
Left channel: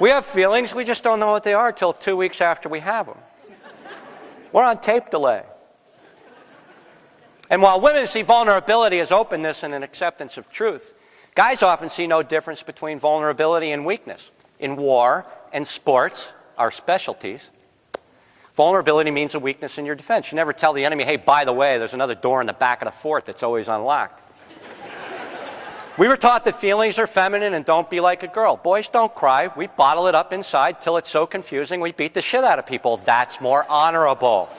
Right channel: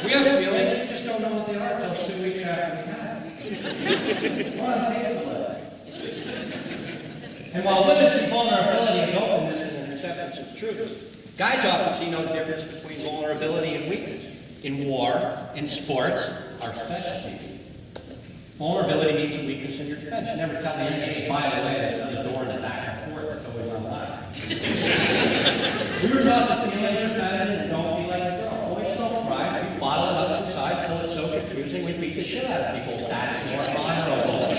We have feelings, we just don't know what they are until 2 weeks after we have them. We're on tape delay. And while women see vulnerability as openness and an acceptance of truth, guys often see no difference between vulnerability and weakness. In war and sports, our specialties, vulnerability means a weakness in your defense. You never tell the enemy, hey, by the way, there's another door in the back of the fort that's always unlocked. We were taught that feelings are feminine and don't be like a girl. Boys don't cry. We bottle it up inside till it's so confusing we beat the shit out of people. That's more honorable.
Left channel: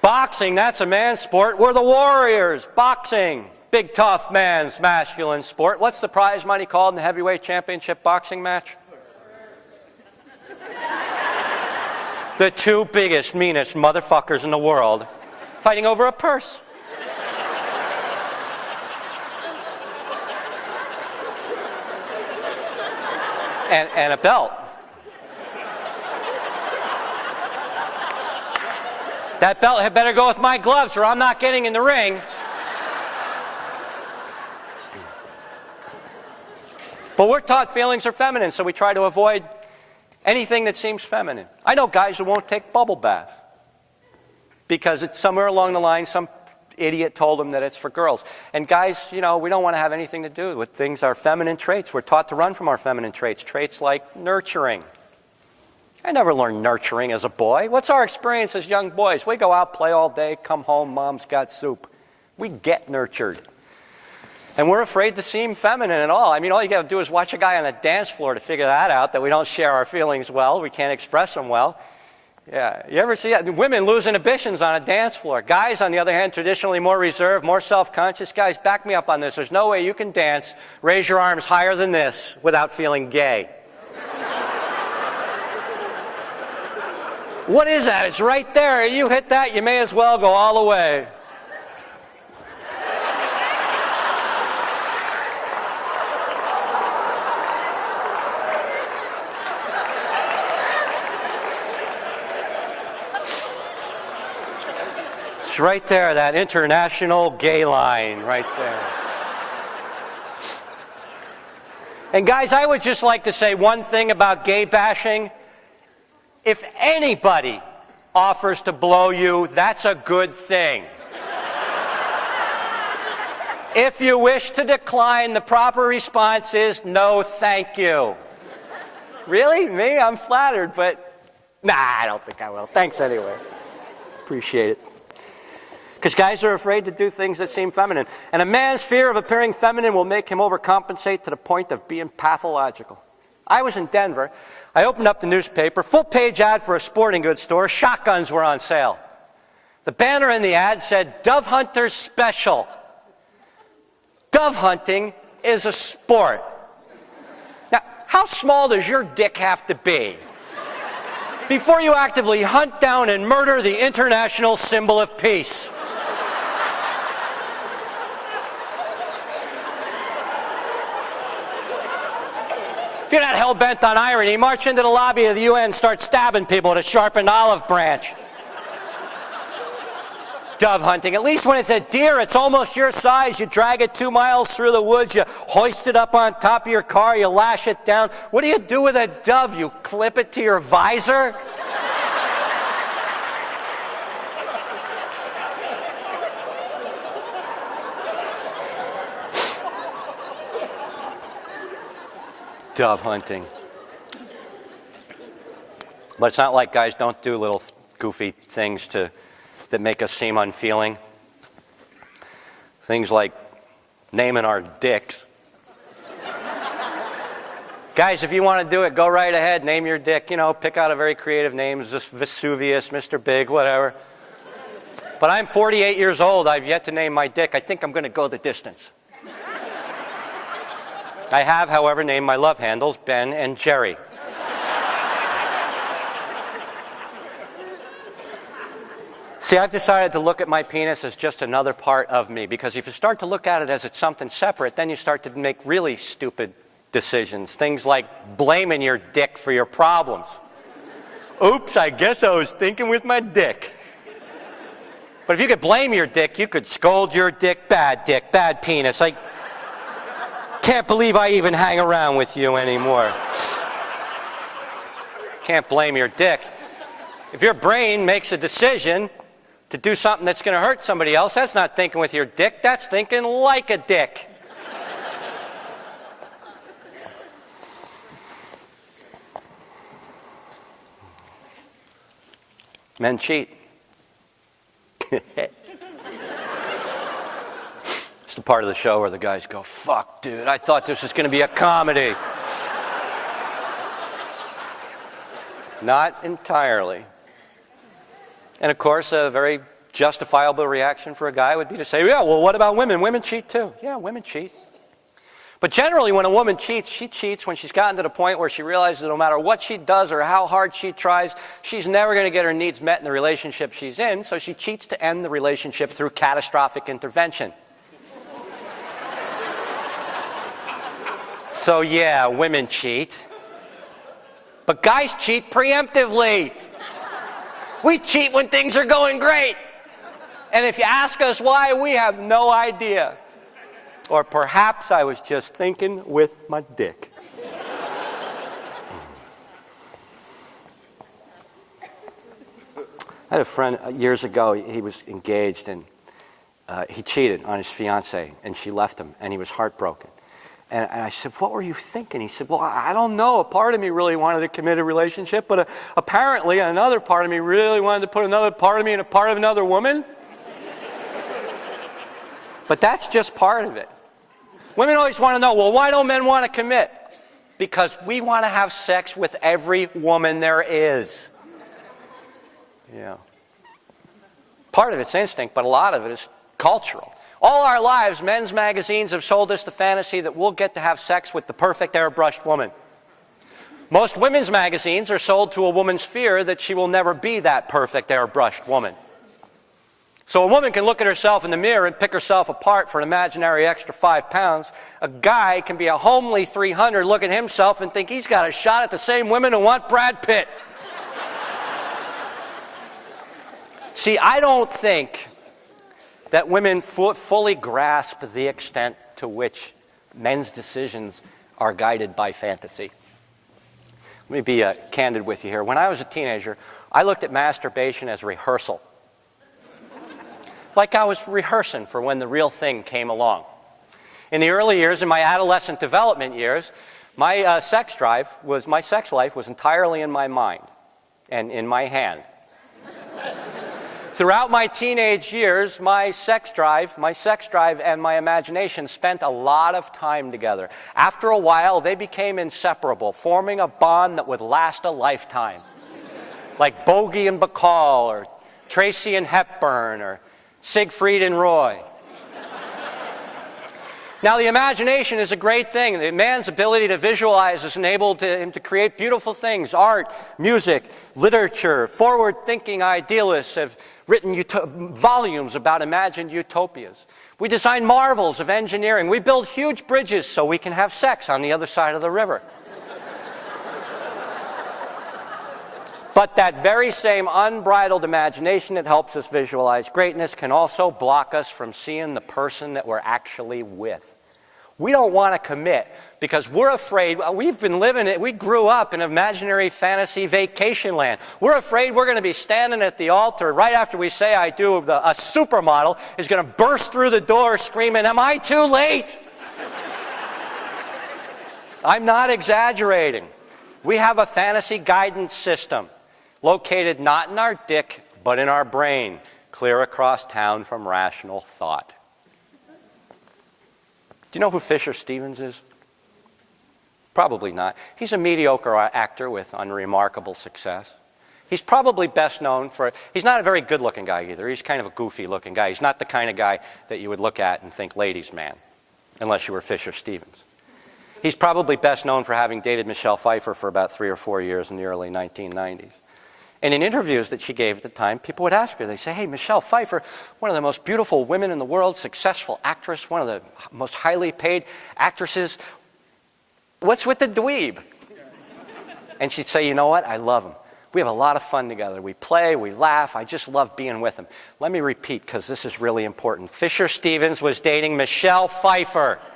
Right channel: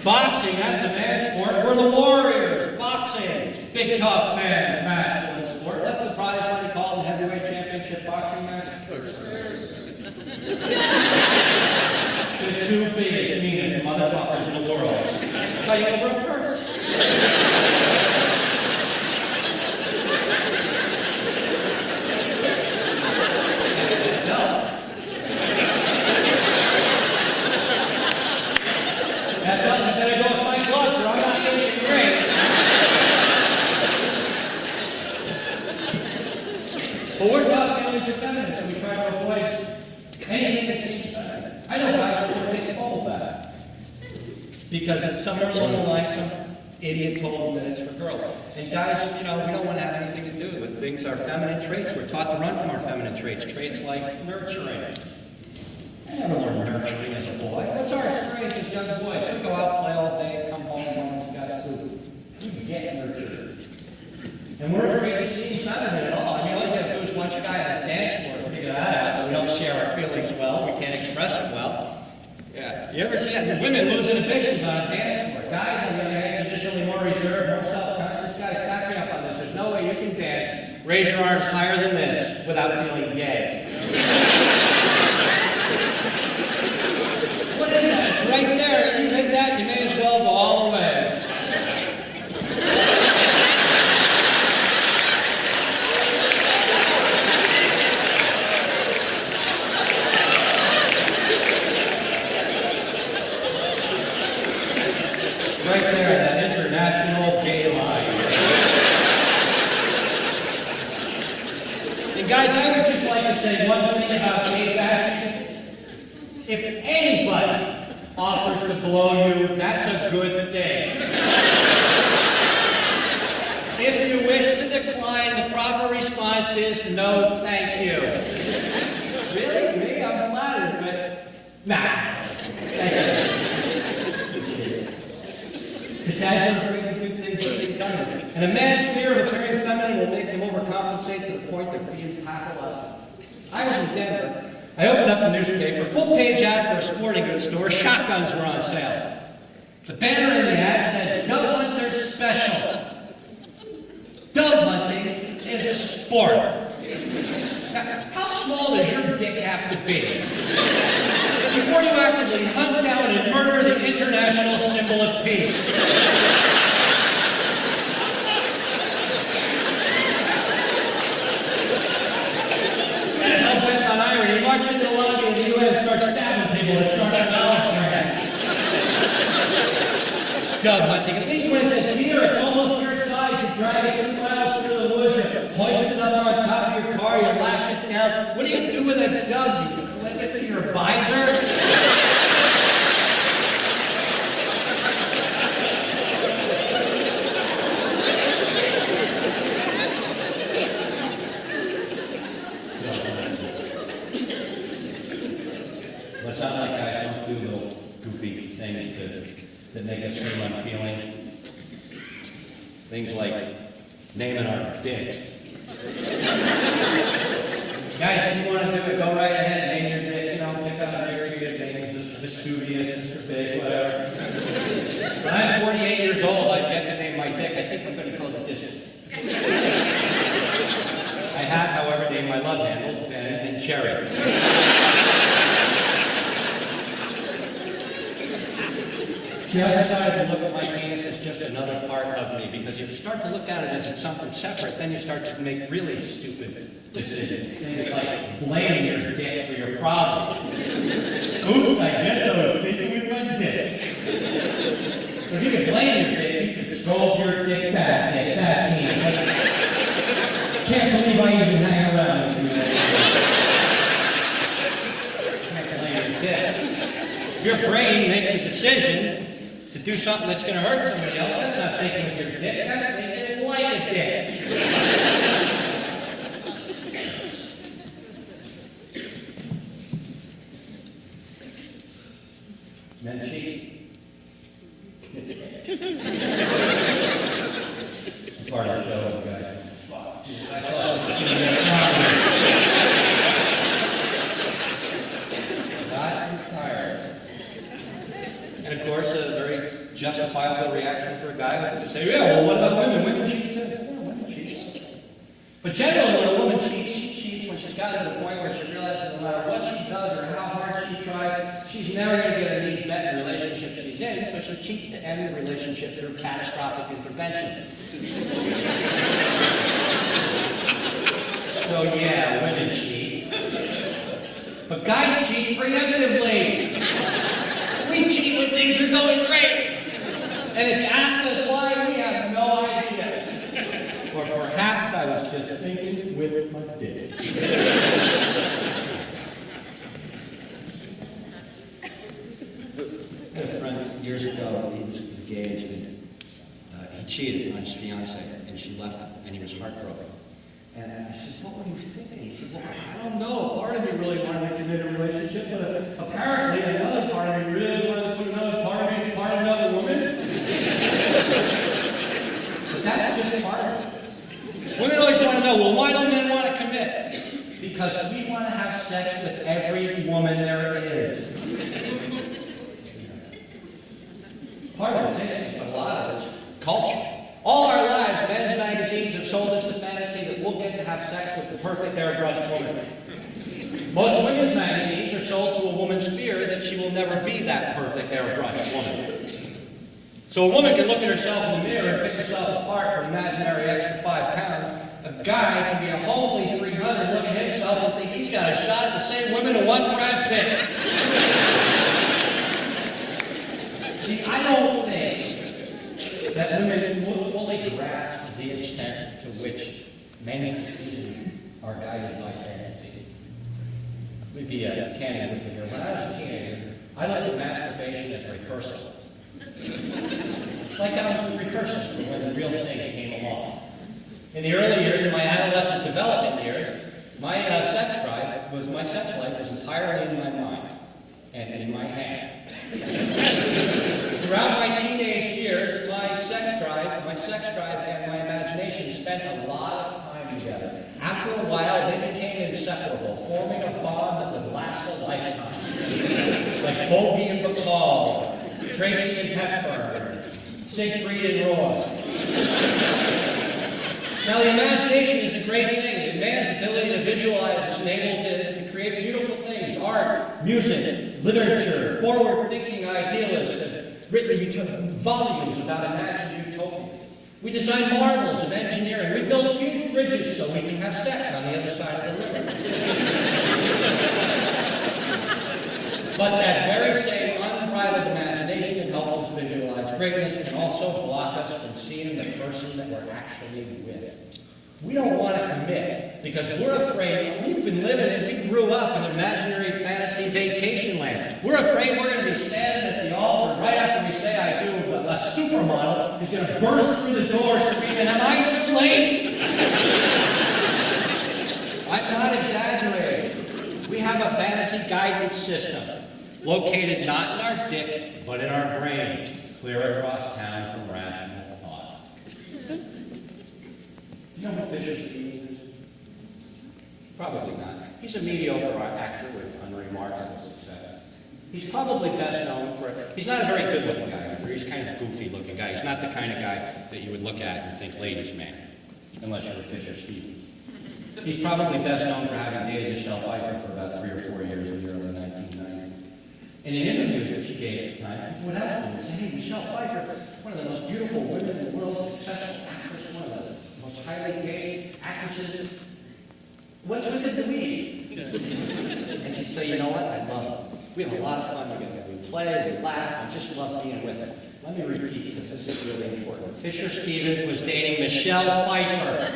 Boxing, that's a man's sport. We're the warriors. Boxing, big tough man's masculine sport. What's the prize money called in the heavyweight championship boxing match? The 2 biggest, meanest motherfuckers in the world fighting over a purse. And a belt. That belt had better go with my gloves or I'm not getting in the ring. But we're taught feelings are feminine, so we try to avoid anything that seems feminine. I know guys who won't take bubble baths because it's somewhere along the line some idiot told them that it's for girls. And guys, you know, we don't want to have anything to do with things, our feminine traits. We're taught to run from our feminine traits. Traits like nurturing. I never learned nurturing as a boy. What's our experience as young boys? We go out, play all day, come home, mom's got soup. We get nurtured. And we're afraid to seem feminine at all. I mean, all you gotta do is watch a guy on the dance floor to figure that out, that we don't share our feelings well, we can't express them well. Yeah, you ever see that? Women lose inhibitions on a dance floor. Guys, on the other hand, traditionally more reserved, more self-conscious. Guys, back me up on this. There's no way you can dance, raise your arms higher than this, without feeling gay. What is that? It's right there. You hit that, you may as well go all the way. It's right there, that international gay line, right there. And guys, I would just like to say one thing about gay bashing. If anybody offers to blow you, that's a good thing. If you wish to decline, the proper response is no, thank you. Really? Me? I'm flattered, but nah, I don't think I will. Thanks anyway. Appreciate it. Because guys are afraid to do things that seem feminine. And a man's fear of appearing feminine will make him overcompensate to the point of being pathological. I was in Denver. I opened up the newspaper, full-page ad for a sporting goods store. Shotguns were on sale. The banner in the ad said, Dove Hunter Special. Dove hunting is a sport. Now, how small does your dick have to be before you actively hunt down and murder the international symbol of peace? If you're not hell-bent on irony, march into the lobby of the UN and start stabbing people with a sharpened olive branch. Dove hunting. At least when it's a deer, it's almost your size. You drag it 2 miles through the woods, you hoist it up on top of your car, you lash it down. What do you do with a dove? You clip it to your visor? Dove hunting. But it's not like guys don't do little goofy things that make us seem unfeeling. Things like naming our dicks. Guys, if you want to do it, go right ahead, name your dick. You know, pick out a very creative name, Vesuvius, Mr. Big, whatever. But I'm 48 years old. I've yet to name my dick. I think I'm going to go the distance. I have, however, named my love handles Ben and Jerry. See, I've decided to look at my penis as just another part of me, because if you start to look at it as it's something separate, then you start to make really stupid decisions. Things like blaming your dick for your problems. Oops, I guess I was thinking with my dick. But if you could blame your dick, you could scold your dick, bad penis. I can't believe I even hang around with you anymore. Can't blame your dick. If your brain makes a decision to do something that's going to hurt somebody else, that's not thinking with your dick, that's thinking like a dick. Men cheat. It's the part of the show where the guys go, fuck, dude, I thought this was going to be a comedy. Not entirely. And of course, a very justifiable reaction for a guy would be to say, yeah, well, what about women? Women cheat too. Yeah, women cheat. But generally, when a woman cheats, she cheats when she's gotten to the point where she realizes that no matter what she does or how hard she tries, she's never going to get her needs met in the relationship she's in, so she cheats to end the relationship through catastrophic intervention. So yeah, women cheat. But guys cheat preemptively. We cheat when things are going great. And if you ask us why, we have no idea. Or perhaps I was just thinking with my dick. I had a friend years ago, he was engaged, and he cheated on his fiancée, and she left him, and he was heartbroken. And I said, what were you thinking? He said, well, I don't know. A part of me really wanted to commit a relationship, but apparently another part of me really wanted to put another part of me in a part of another woman. But that's just part of it. Women always want to know, well, why don't men want to commit? Because we want to have sex with every woman there is. Yeah. Part of it's instinct, but a lot of it is cultural. All our lives, men's magazines have sold us the fantasy that we'll get to have sex with the perfect airbrushed woman. Most women's magazines are sold to a woman's fear that she will never be that perfect airbrushed woman. So a woman can look at herself in the mirror and pick herself apart for an imaginary extra 5 pounds. A guy can be a homely 300, look at himself and think he's got a shot at the same women who want Brad Pitt. See, I don't think that women fully grasp the extent to which men's decisions are guided by fantasy. Let me be candid with you here. When I was a teenager, I looked at masturbation as rehearsal. Like I was rehearsing for when the real thing came along. In the early years, in my adolescent development years, My sex life was entirely in my mind and in my hand. Throughout my teenage years, my sex drive and my imagination spent a lot of time together. After a while, they became inseparable, forming a bond that would last a lifetime. Like Bogey and Bacall, or Tracy and Hepburn, or Siegfried and Roy. Now, the imagination is a great thing. The man's ability to visualize is enabled to create beautiful things. Art, music, literature, forward-thinking idealists have written volumes about imagined utopias. We design marvels of engineering. We build huge bridges so we can have sex on the other side of the river. But that very same unbridled imagination that helps us visualize greatness can also block us from seeing the person that we're actually with. We don't want to commit because we're afraid. We've been living it. We grew up in imaginary fantasy vacation land. We're afraid we're going to be standing at the altar right after we say I do. A supermodel is going to burst through the door screaming, "Am I too late?" I'm not exaggerating. We have a fantasy guidance system located not in our dick, but in our brain, clear across town from rational thought. Do you know who Fisher Stevens is? Probably not. He's a mediocre actor with unremarkable success. He's probably best known for, he's not a very good-looking guy either. He's kind of a goofy-looking guy. He's not the kind of guy that you would look at and think ladies' man, unless you were Fisher Stevens. He's probably best known for having dated Michelle Pfeiffer for about 3 or 4 years in the early 1990s. And in interviews that she gave at the time, people would ask her, they'd say, "Hey, Michelle Pfeiffer, one of the most beautiful women in the world, successful actress, one of the most highly paid actresses. What's with the dweeb?" And she'd say, "You know what? I love him. We have a lot of fun together. We play, we laugh. I just love being with him." Let me repeat, because this is really important. Fisher Stevens was dating Michelle Pfeiffer.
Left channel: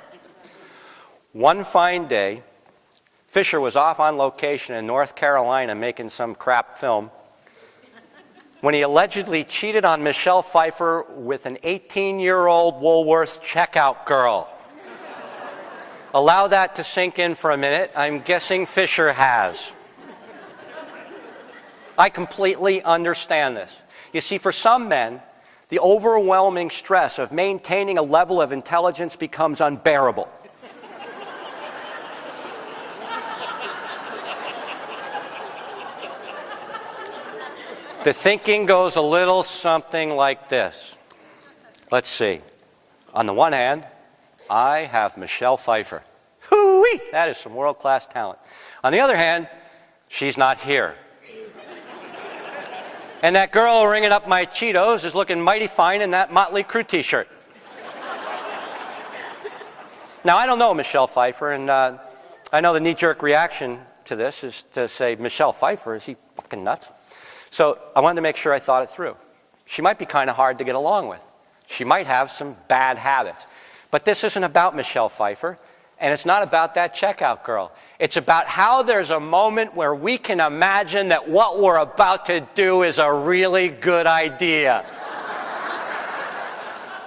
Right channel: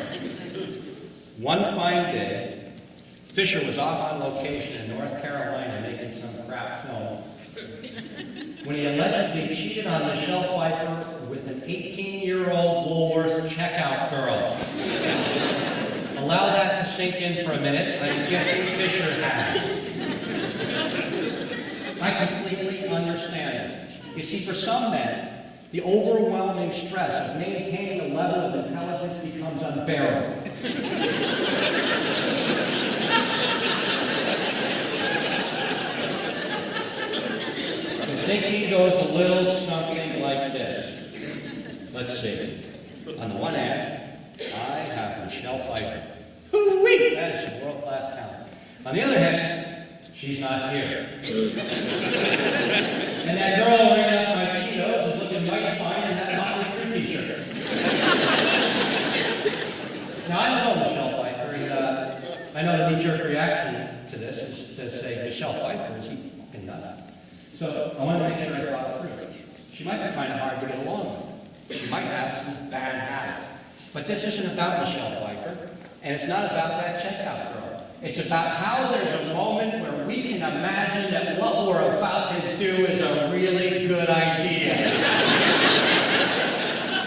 One fine day, Fisher was off on location in North Carolina making some crap film when he allegedly cheated on Michelle Pfeiffer with an 18-year-old Woolworths checkout girl. Allow that to sink in for a minute. I'm guessing Fisher has. I completely understand this. You see, for some men, the overwhelming stress of maintaining a level of intelligence becomes unbearable. The thinking goes a little something like this. Let's see. On the one hand, I have Michelle Pfeiffer. Hoo-wee! That is some world-class talent. On the other hand, she's not here. And that girl ringing up my Cheetos is looking mighty fine in that Motley Crue t-shirt. Now, I don't know Michelle Pfeiffer, and I know the knee-jerk reaction to this is to say, Michelle Pfeiffer, is he fucking nuts? So I wanted to make sure I thought it through. She might be kind of hard to get along with. She might have some bad habits. But this isn't about Michelle Pfeiffer, and it's not about that checkout girl. It's about how there's a moment where we can imagine that what we're about to do is a really good idea.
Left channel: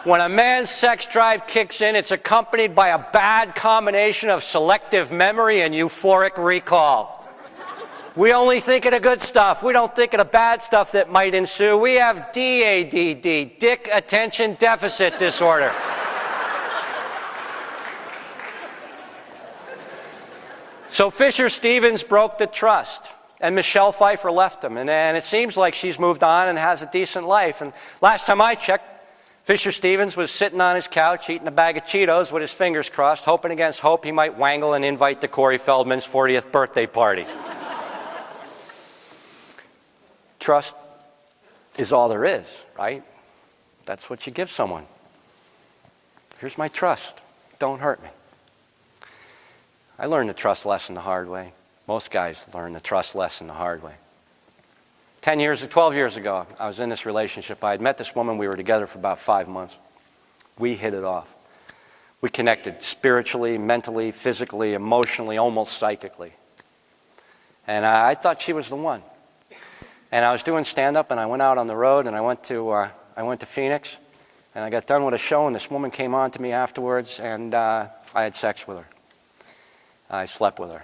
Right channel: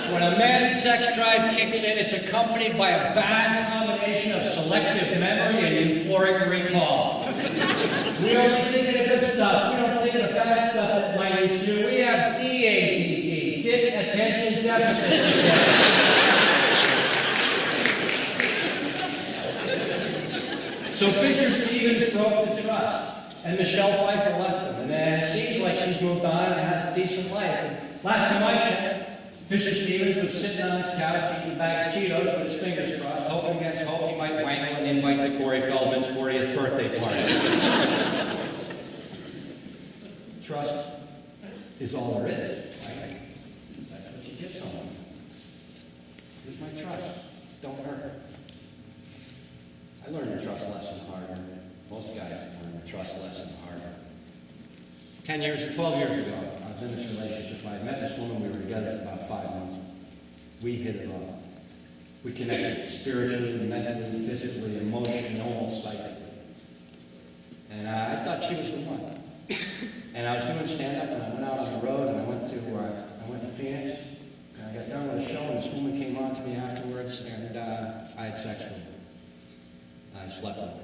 When a man's sex drive kicks in, it's accompanied by a bad combination of selective memory and euphoric recall. We only think of the good stuff. We don't think of the bad stuff that might ensue. We have DADD, Dick Attention Deficit Disorder. So Fisher Stevens broke the trust, and Michelle Pfeiffer left him. And it seems like she's moved on and has a decent life. And last time I checked, Fisher Stevens was sitting on his couch eating a bag of Cheetos with his fingers crossed, hoping against hope he might wangle an invite to Corey Feldman's 40th birthday party. Trust is all there is, right? That's what you give someone. Here's my trust. Don't hurt me. I learned the trust lesson the hard way. Most guys learn the trust lesson the hard way. 12 years ago, I was in this relationship. I had met this woman. We were together for about 5 months. We hit it off. We connected spiritually, mentally, physically, emotionally, almost psychically. And I thought she was the one. And I was doing stand-up, and I went out on the road, and I went to Phoenix, and I got done with a show, and this woman came on to me afterwards, and I had sex with her. I slept with her.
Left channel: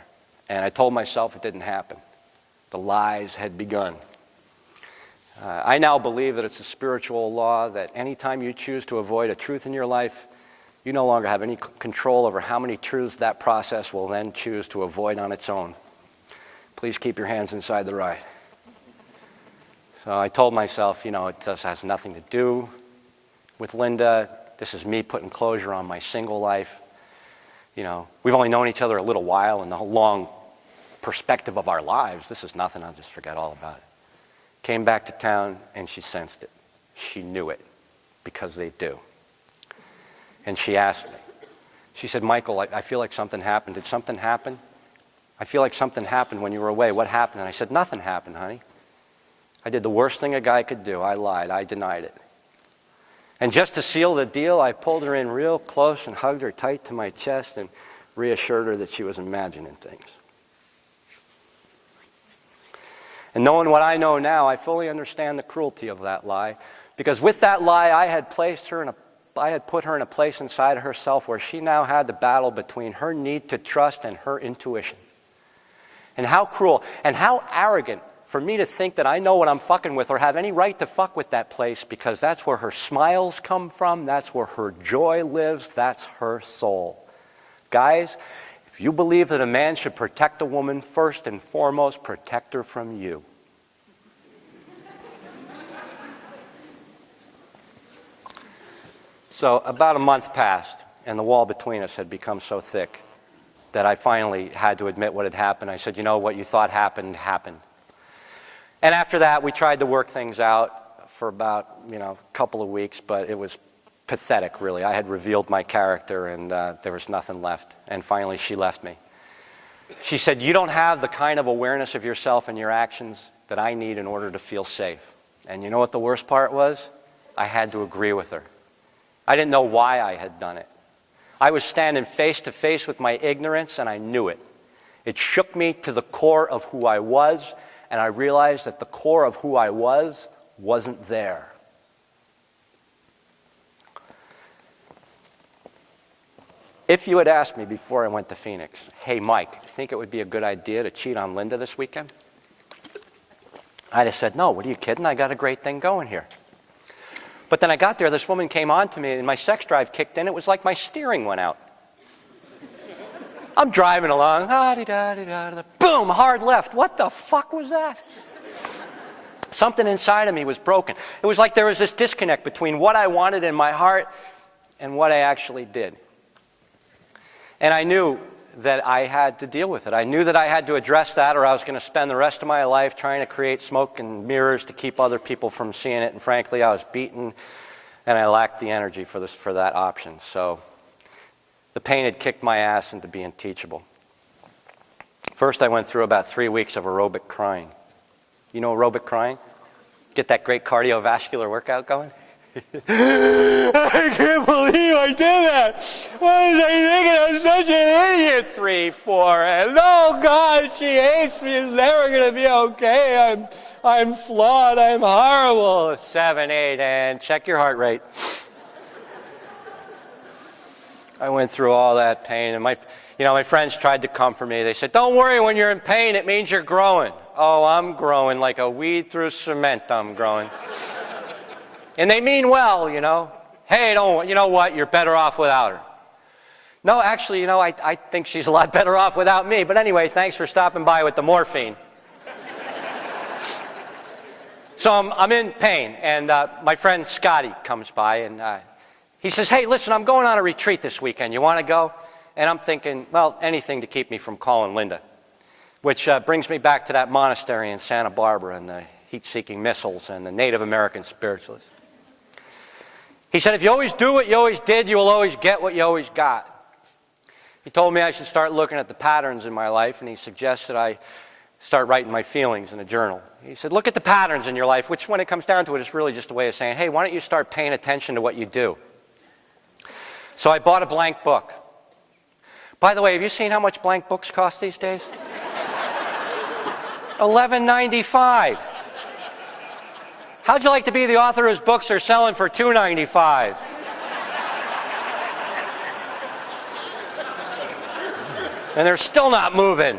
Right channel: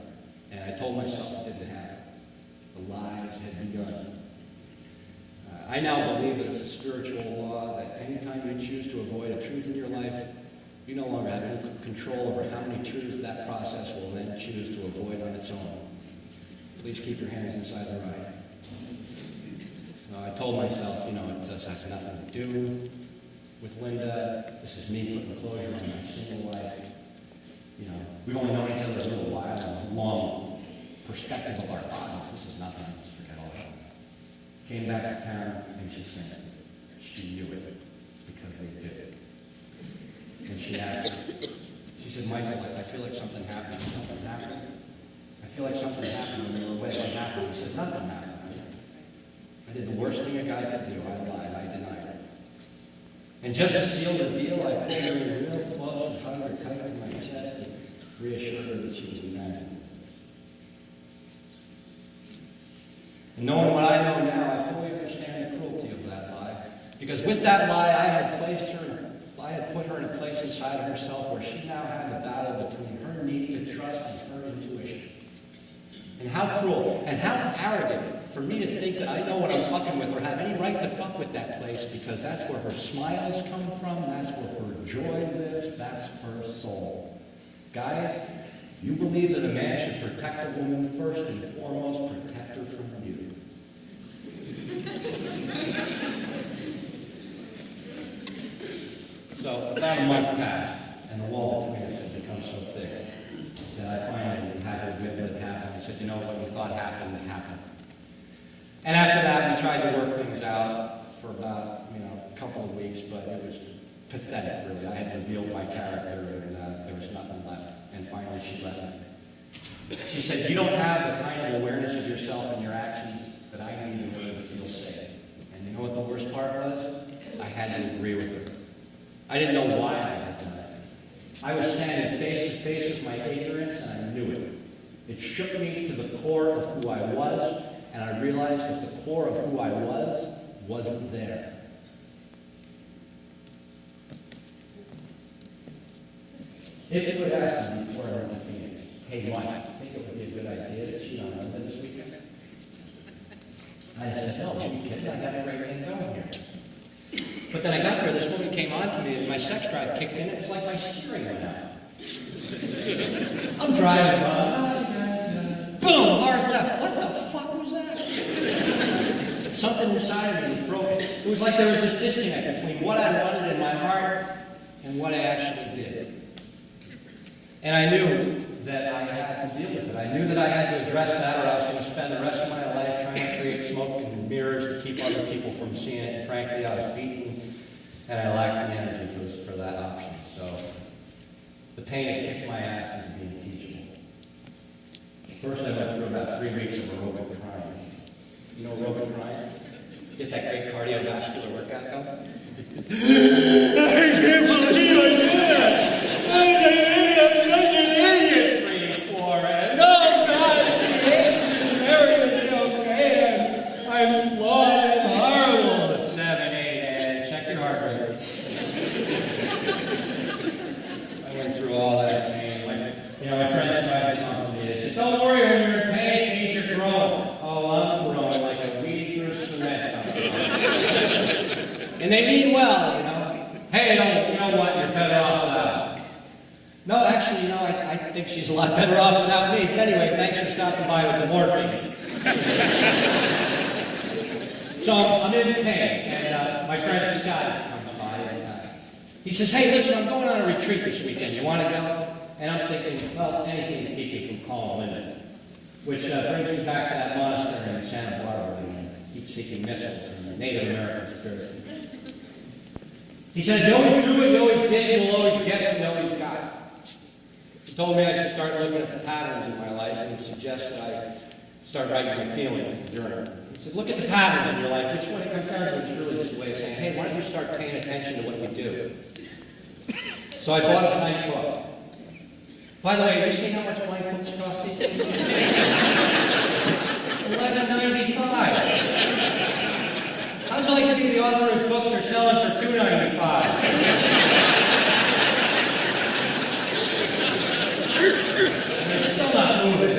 And I told myself it didn't happen. The lies had begun. I now believe that it's a spiritual law that anytime you choose to avoid a truth in your life, you no longer have any control over how many truths that process will then choose to avoid on its own. Please keep your hands inside the ride. So I told myself, it just has nothing to do with Linda. This is me putting closure on my single life. We've only known each other a little while in the long perspective of our lives. This is nothing. I'll just forget all about it. Came back to town, and she sensed it. She knew it, because they do. And she asked me. She said, Michael, I feel like something happened. Did something happen? I feel like something happened when you were away. What happened? And I said, nothing happened, honey. I did the worst thing a guy could do. I lied. I denied it. And just to seal the deal, I pulled her in real close and hugged her tight to my chest and reassured her that she was imagining things. And knowing what I know now, I fully understand the cruelty of that lie. Because with that lie, I had put her in a place inside of herself where she now had to battle between her need to trust and her intuition. And how cruel and how arrogant for me to think that I know what I'm fucking with or have any right to fuck with that place, because that's where her smiles come from, that's where her joy lives, that's her soul. Guys, if you believe that a man should protect a woman, first and foremost, protect her from you. So about a month passed, and the wall between us had become so thick that I finally had to admit what had happened. I said, what you thought happened, happened. And after that, we tried to work things out for about, a couple of weeks, but it was pathetic, really. I had revealed my character, and there was nothing left. And finally, she left me. She said, you don't have the kind of awareness of yourself and your actions that I need in order to feel safe. And you know what the worst part was? I had to agree with her. I didn't know why I had done it. I was standing face to face with my ignorance, and I knew it. It shook me to the core of who I was, and I realized that the core of who I wasn't there. If you had asked me before I went to Phoenix, hey, Mike, think it would be a good idea to cheat on Linda this weekend? I'd have said, no, what are you kidding? I got a great thing going here. But then I got there, this woman came on to me, and my sex drive kicked in. It was like my steering went out. I'm driving along, boom, hard left. What the fuck was that? Something inside of me was broken. It was like there was this disconnect between what I wanted in my heart and what I actually did. And I knew that I had to deal with it. I knew that I had to address that, or I was going to spend the rest of my life trying to create smoke and mirrors to keep other people from seeing it. And frankly, I was beaten, and I lacked the energy for that option. So the pain had kicked my ass into being teachable. First, I went through about 3 weeks of aerobic crying. You know aerobic crying? Get that great cardiovascular workout going? I can't believe I did that! Why did I think I'm such an idiot? 3, 4, and oh God, she hates me, it's never gonna be okay. I'm flawed, I'm horrible. 7, 8, and check your heart rate. I went through all that pain, and my friends tried to comfort me. They said, don't worry, when you're in pain, it means you're growing. Oh, I'm growing like a weed through cement, I'm growing. And they mean well, Hey, you know what, you're better off without her. No, actually, I think she's a lot better off without me. But anyway, thanks for stopping by with the morphine. So I'm in pain, and my friend Scotty comes by, and he says, hey, listen, I'm going on a retreat this weekend. You want to go? And I'm thinking, well, anything to keep me from calling Linda. Which brings me back to that monastery in Santa Barbara and the heat-seeking missiles and the Native American spiritualism. He said, if you always do what you always did, you will always get what you always got. He told me I should start looking at the patterns in my life, and he suggested I start writing my feelings in a journal. He said, look at the patterns in your life, which when it comes down to it, is really just a way of saying, hey, why don't you start paying attention to what you do? So I bought a blank book. By the way, have you seen how much blank books cost these days? $11.95. How'd you like to be the author whose books are selling for $2.95? and they're still not moving.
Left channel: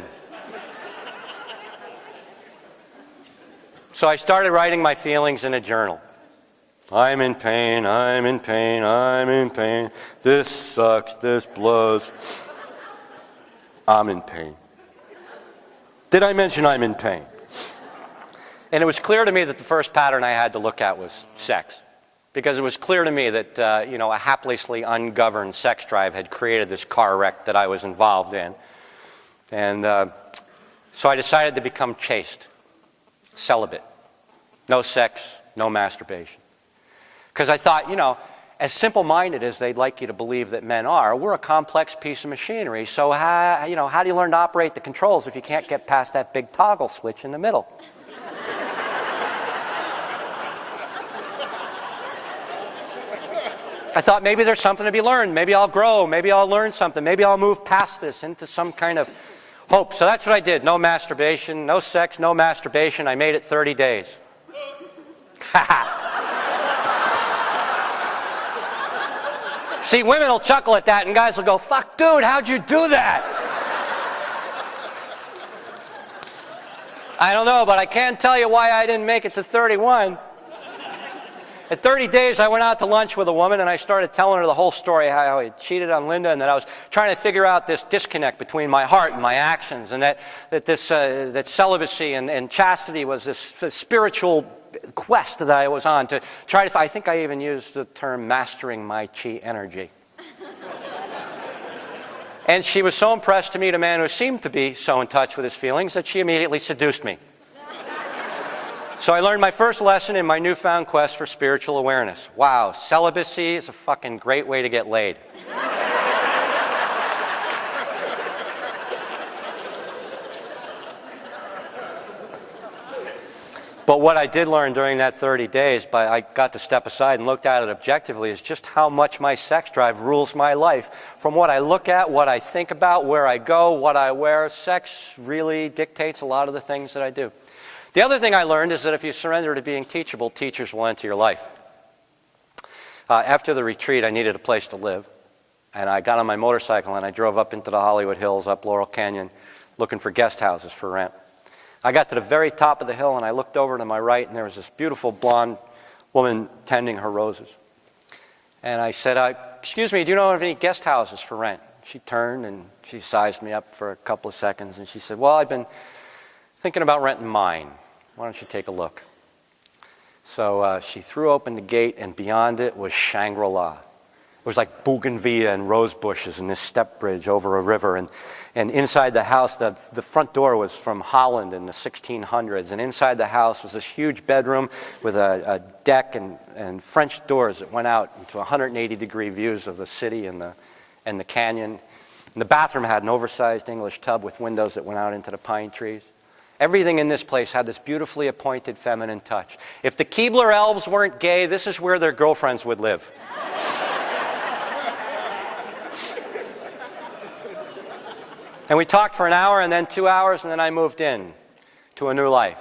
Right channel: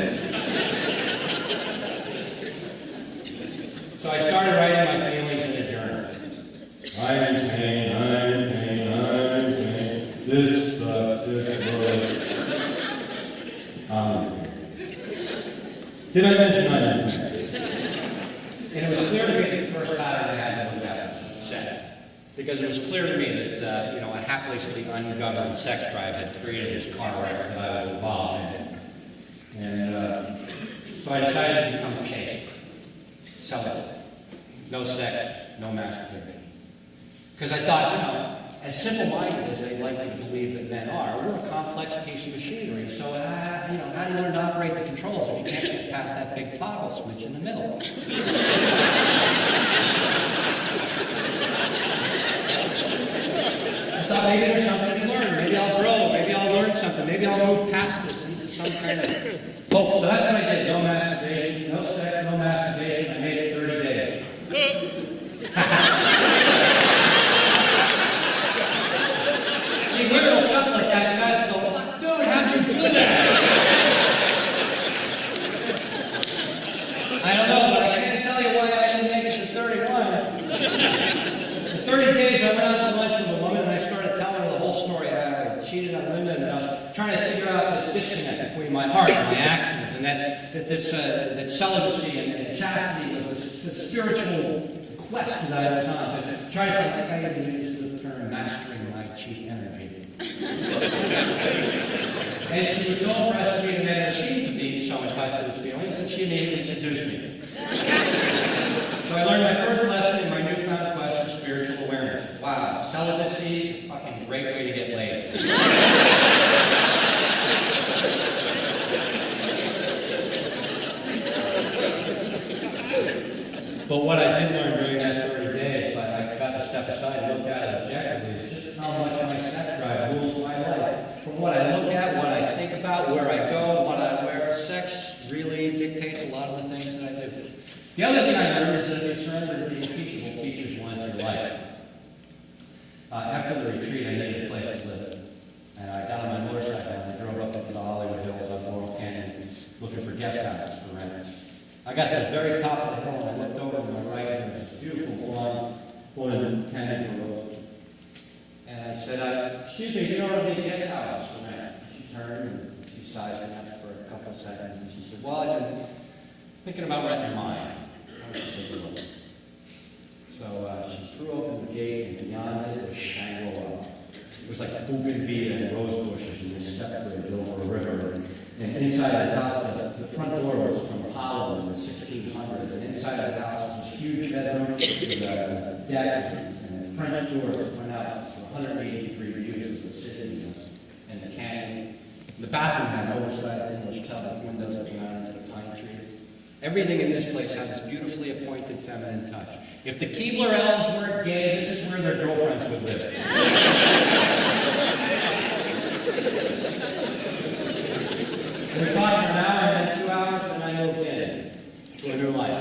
So I started writing my feelings in a journal. I'm in pain, I'm in pain, I'm in pain. This sucks, this blows. I'm in pain. Did I mention I'm in pain? And it was clear to me that the first pattern I had to look at was sex. Because it was clear to me that, a haplessly ungoverned sex drive had created this car wreck that I was involved in. And so I decided to become chaste, celibate. No sex, no masturbation. Because I thought, as simple-minded as they'd like you to believe that men are, we're a complex piece of machinery. So how do you learn to operate the controls if you can't get past that big toggle switch in the middle? I thought maybe there's something to be learned. Maybe I'll grow. Maybe I'll learn something. Maybe I'll move past this into some kind of hope. So that's what I did. No masturbation, no sex, no masturbation. I made it 30 days. See, women will chuckle at that, and guys will go, fuck, dude, how'd you do that? I don't know, but I can't tell you why I didn't make it to 31. In 30 days, I went out to lunch with a woman, and I started telling her the whole story, how I cheated on Linda, and that I was trying to figure out this disconnect between my heart and my actions, and that celibacy and chastity was this spiritual quest that I was on to try to, I think I even used the term mastering my chi energy. And she was so impressed to meet a man who seemed to be so in touch with his feelings that she immediately seduced me. So I learned my first lesson in my newfound quest for spiritual awareness. Wow, celibacy is a fucking great way to get laid. But what I did learn during that 30 days, I got to step aside and looked at it objectively, is just how much my sex drive rules my life. From what I look at, what I think about, where I go, what I wear, sex really dictates a lot of the things that I do. The other thing I learned is that if you surrender to being teachable, teachers will enter your life. After the retreat, I needed a place to live. And I got on my motorcycle and I drove up into the Hollywood Hills, up Laurel Canyon, looking for guest houses for rent. I got to the very top of the hill and I looked over to my right and there was this beautiful blonde woman tending her roses. And I said, excuse me, do you know of any guest houses for rent? She turned and she sized me up for a couple of seconds and she said, well, I've been thinking about renting mine. Why don't you take a look? So she threw open the gate, and beyond it was Shangri-La. It was like bougainvillea and rose bushes and this step bridge over a river. And inside the house, the front door was from Holland in the 1600s. And inside the house was this huge bedroom with a deck and French doors that went out to 180-degree views of the city and the canyon. And the bathroom had an oversized English tub with windows that went out into the pine trees. Everything in this place had this beautifully appointed feminine touch. If the Keebler elves weren't gay, this is where their girlfriends would live. And we talked for an hour and then 2 hours, and then I moved in to a new life.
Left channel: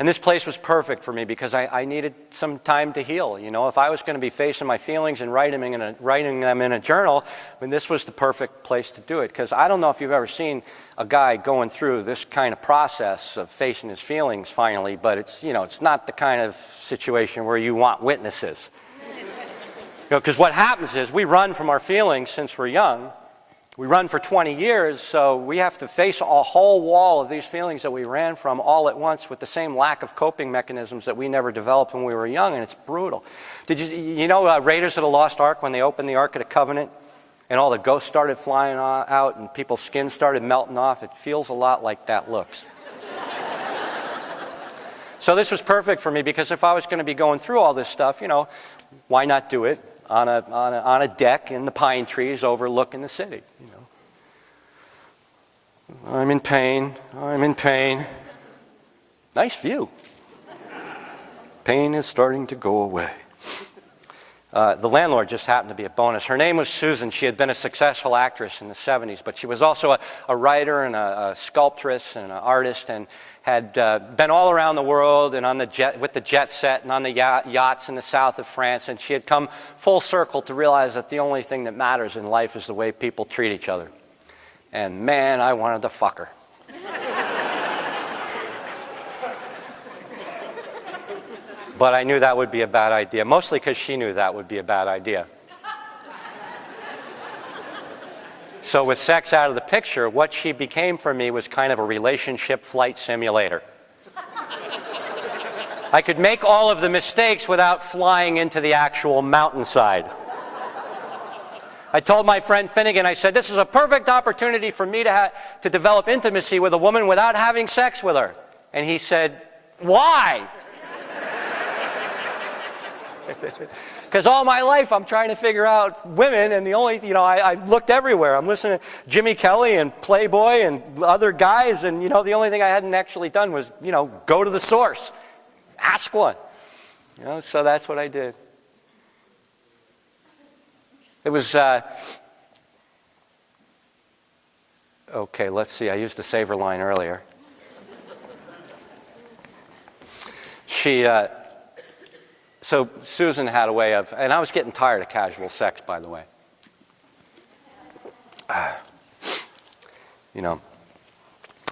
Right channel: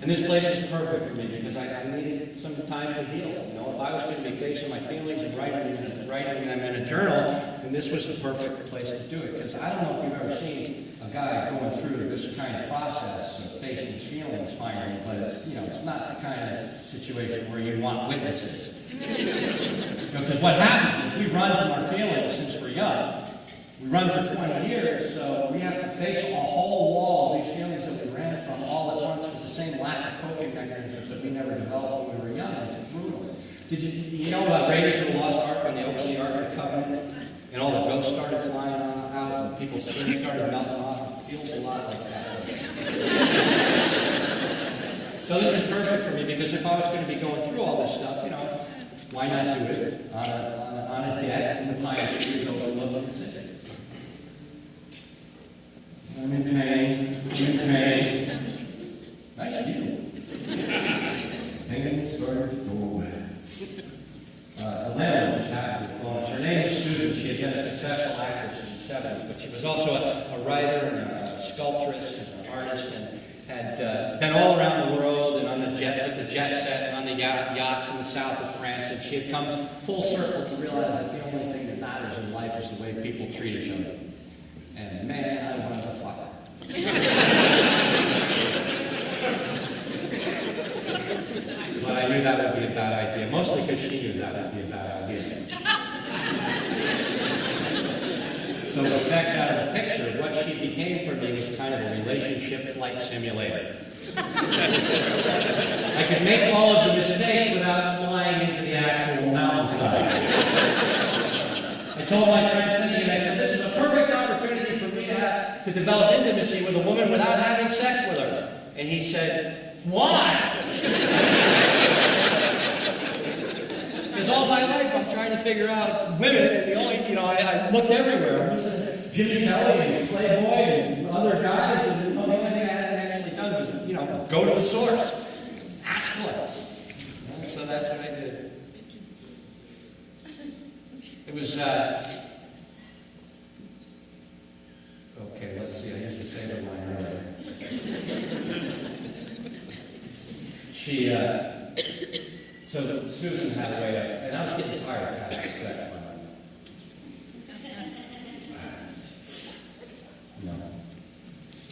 And this place was perfect for me because I needed some time to heal. If I was going to be facing my feelings and writing them in a journal, this was the perfect place to do it. Because I don't know if you've ever seen a guy going through this kind of process of facing his feelings finally, but it's not the kind of situation where you want witnesses. Because what happens is we run from our feelings since we're young. We run for 20 years, so we have to face a whole wall of these feelings that we ran from all at once with the same lack of coping mechanisms that we never developed when we were young, and it's brutal. Did you know Raiders of the Lost Ark, when they opened the Ark of the Covenant, and all the ghosts started flying out and people's skin started melting off? It feels a lot like that looks. So this was perfect for me, because if I was going to be going through all this stuff, why not do it on a deck in the pine trees overlooking the city? I'm in pain, I'm in pain. Nice view. Pain is starting to go away. The landlord just happened to be a bonus. Her name was Susan. She had been a successful actress in the 70s, but she was also a writer and a sculptress and an artist, and had been all around the world and with the jet set and on the yachts in the south of France, and she had come full circle to realize that the only thing that matters in life is the way people treat each other. And man, I wanted to fuck her. But I knew that would be a bad idea, mostly because she knew that would be a bad idea. So with sex out of the picture, what she became for me was kind of a relationship flight simulator. I could make all of the mistakes without flying into the actual mountainside. I told my friend Finnegan, I said, this is a perfect opportunity for me to develop intimacy with a woman without having sex with her. And he said, why? Because all my life I'm trying to figure out women, and the only, I looked everywhere. I'm listening to Jimmy Kelly and Playboy and other guys, and, the only thing I hadn't actually done was, go to the source. Ask one. So that's what I did. It was, okay, let's see. I used the saver line earlier. So Susan had a way of, and I was getting tired of casual sex, by the way.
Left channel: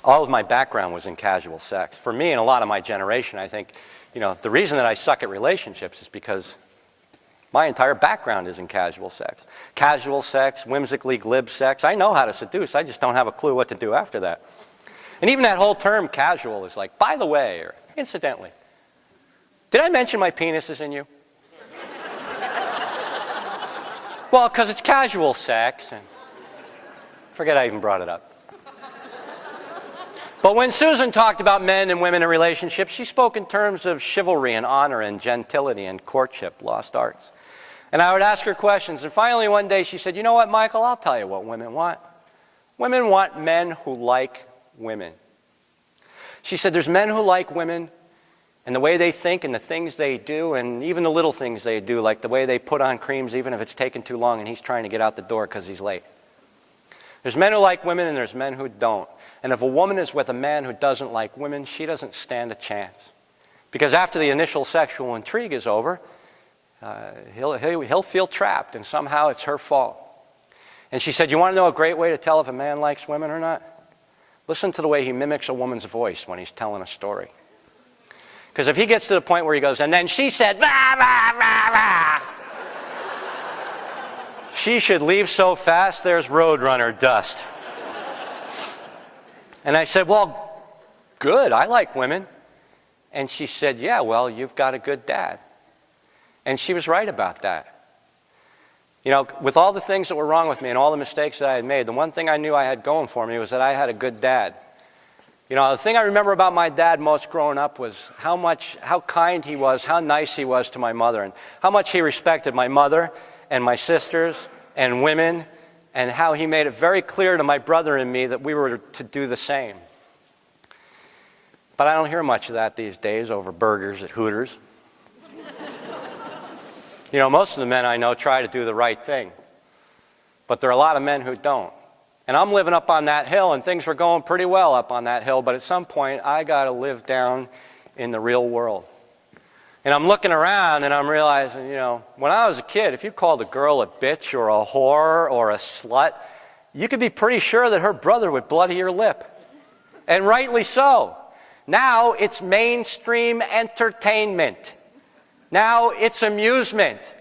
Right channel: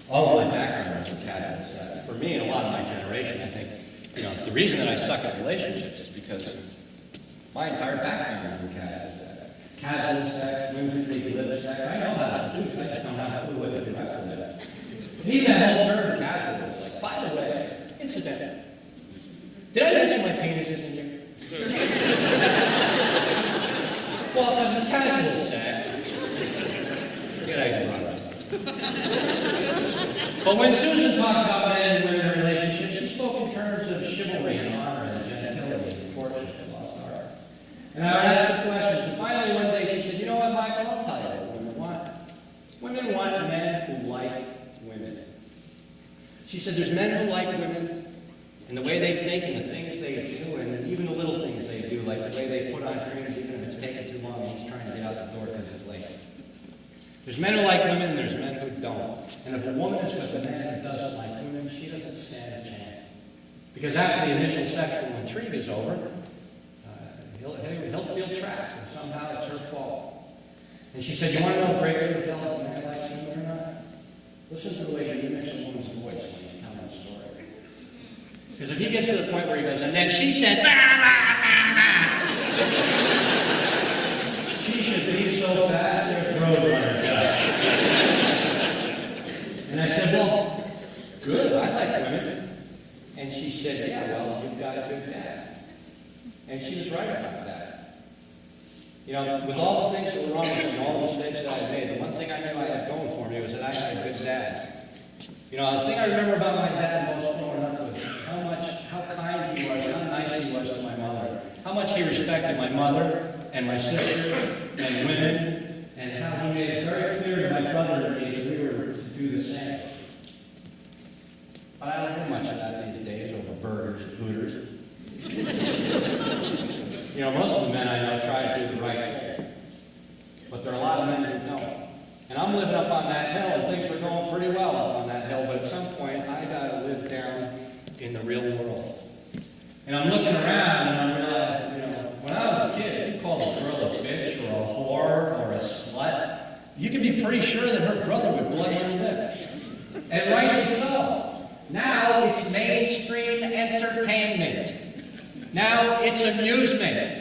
All of my background was in casual sex. For me and a lot of my generation, I think, the reason that I suck at relationships is because my entire background is in casual sex. Casual sex, whimsically glib sex. I know how to seduce. I just don't have a clue what to do after that. And even that whole term casual is like, by the way, or incidentally. Did I mention my penis is in you? Well, because it's casual sex. Forget I even brought it up. But when Susan talked about men and women in relationships, she spoke in terms of chivalry and honor and gentility and courtship, lost arts. And I would ask her questions, and finally one day she said, you know what, Michael, I'll tell you what women want. Women want men who like women. She said there's men who like women, and the way they think and the things they do, and even the little things they do, like the way they put on creams even if it's taken too long and he's trying to get out the door because he's late. There's men who like women and there's men who don't. And if a woman is with a man who doesn't like women, she doesn't stand a chance. Because after the initial sexual intrigue is over, he'll feel trapped, and somehow it's her fault. And she said, you want to know a great way to tell if a man likes women or not? Listen to the way he mimics a woman's voice when he's telling a story. Because if he gets to the point where he goes, and then she said, bah, bah, bah, bah, she should leave so fast there's Roadrunner dust. And I said, well, good, I like women. And she said, yeah, well, you've got a good dad. And she was right about that. With all the things that were wrong with me and all the mistakes that I had made, the one thing I knew I had going for me was that I had a good dad. The thing I remember about my dad most growing up was how kind he was, how nice he was to my mother, and how much he respected my mother and my sisters and women, and how he made it very clear to my brother and me that we were to do the same. But I don't hear much of that these days over burgers at Hooters. Most of the men I know try to do the right thing, but there are a lot of men who don't. And I'm living up on that hill, and things were going pretty well up on that hill, but at some point, I got to live down in the real world. And I'm looking around, and I'm realizing, when I was a kid, if you called a girl a bitch or a whore or a slut, you could be pretty sure that her brother would bloody your lip. And rightly so. Now it's mainstream entertainment. Now it's amusement.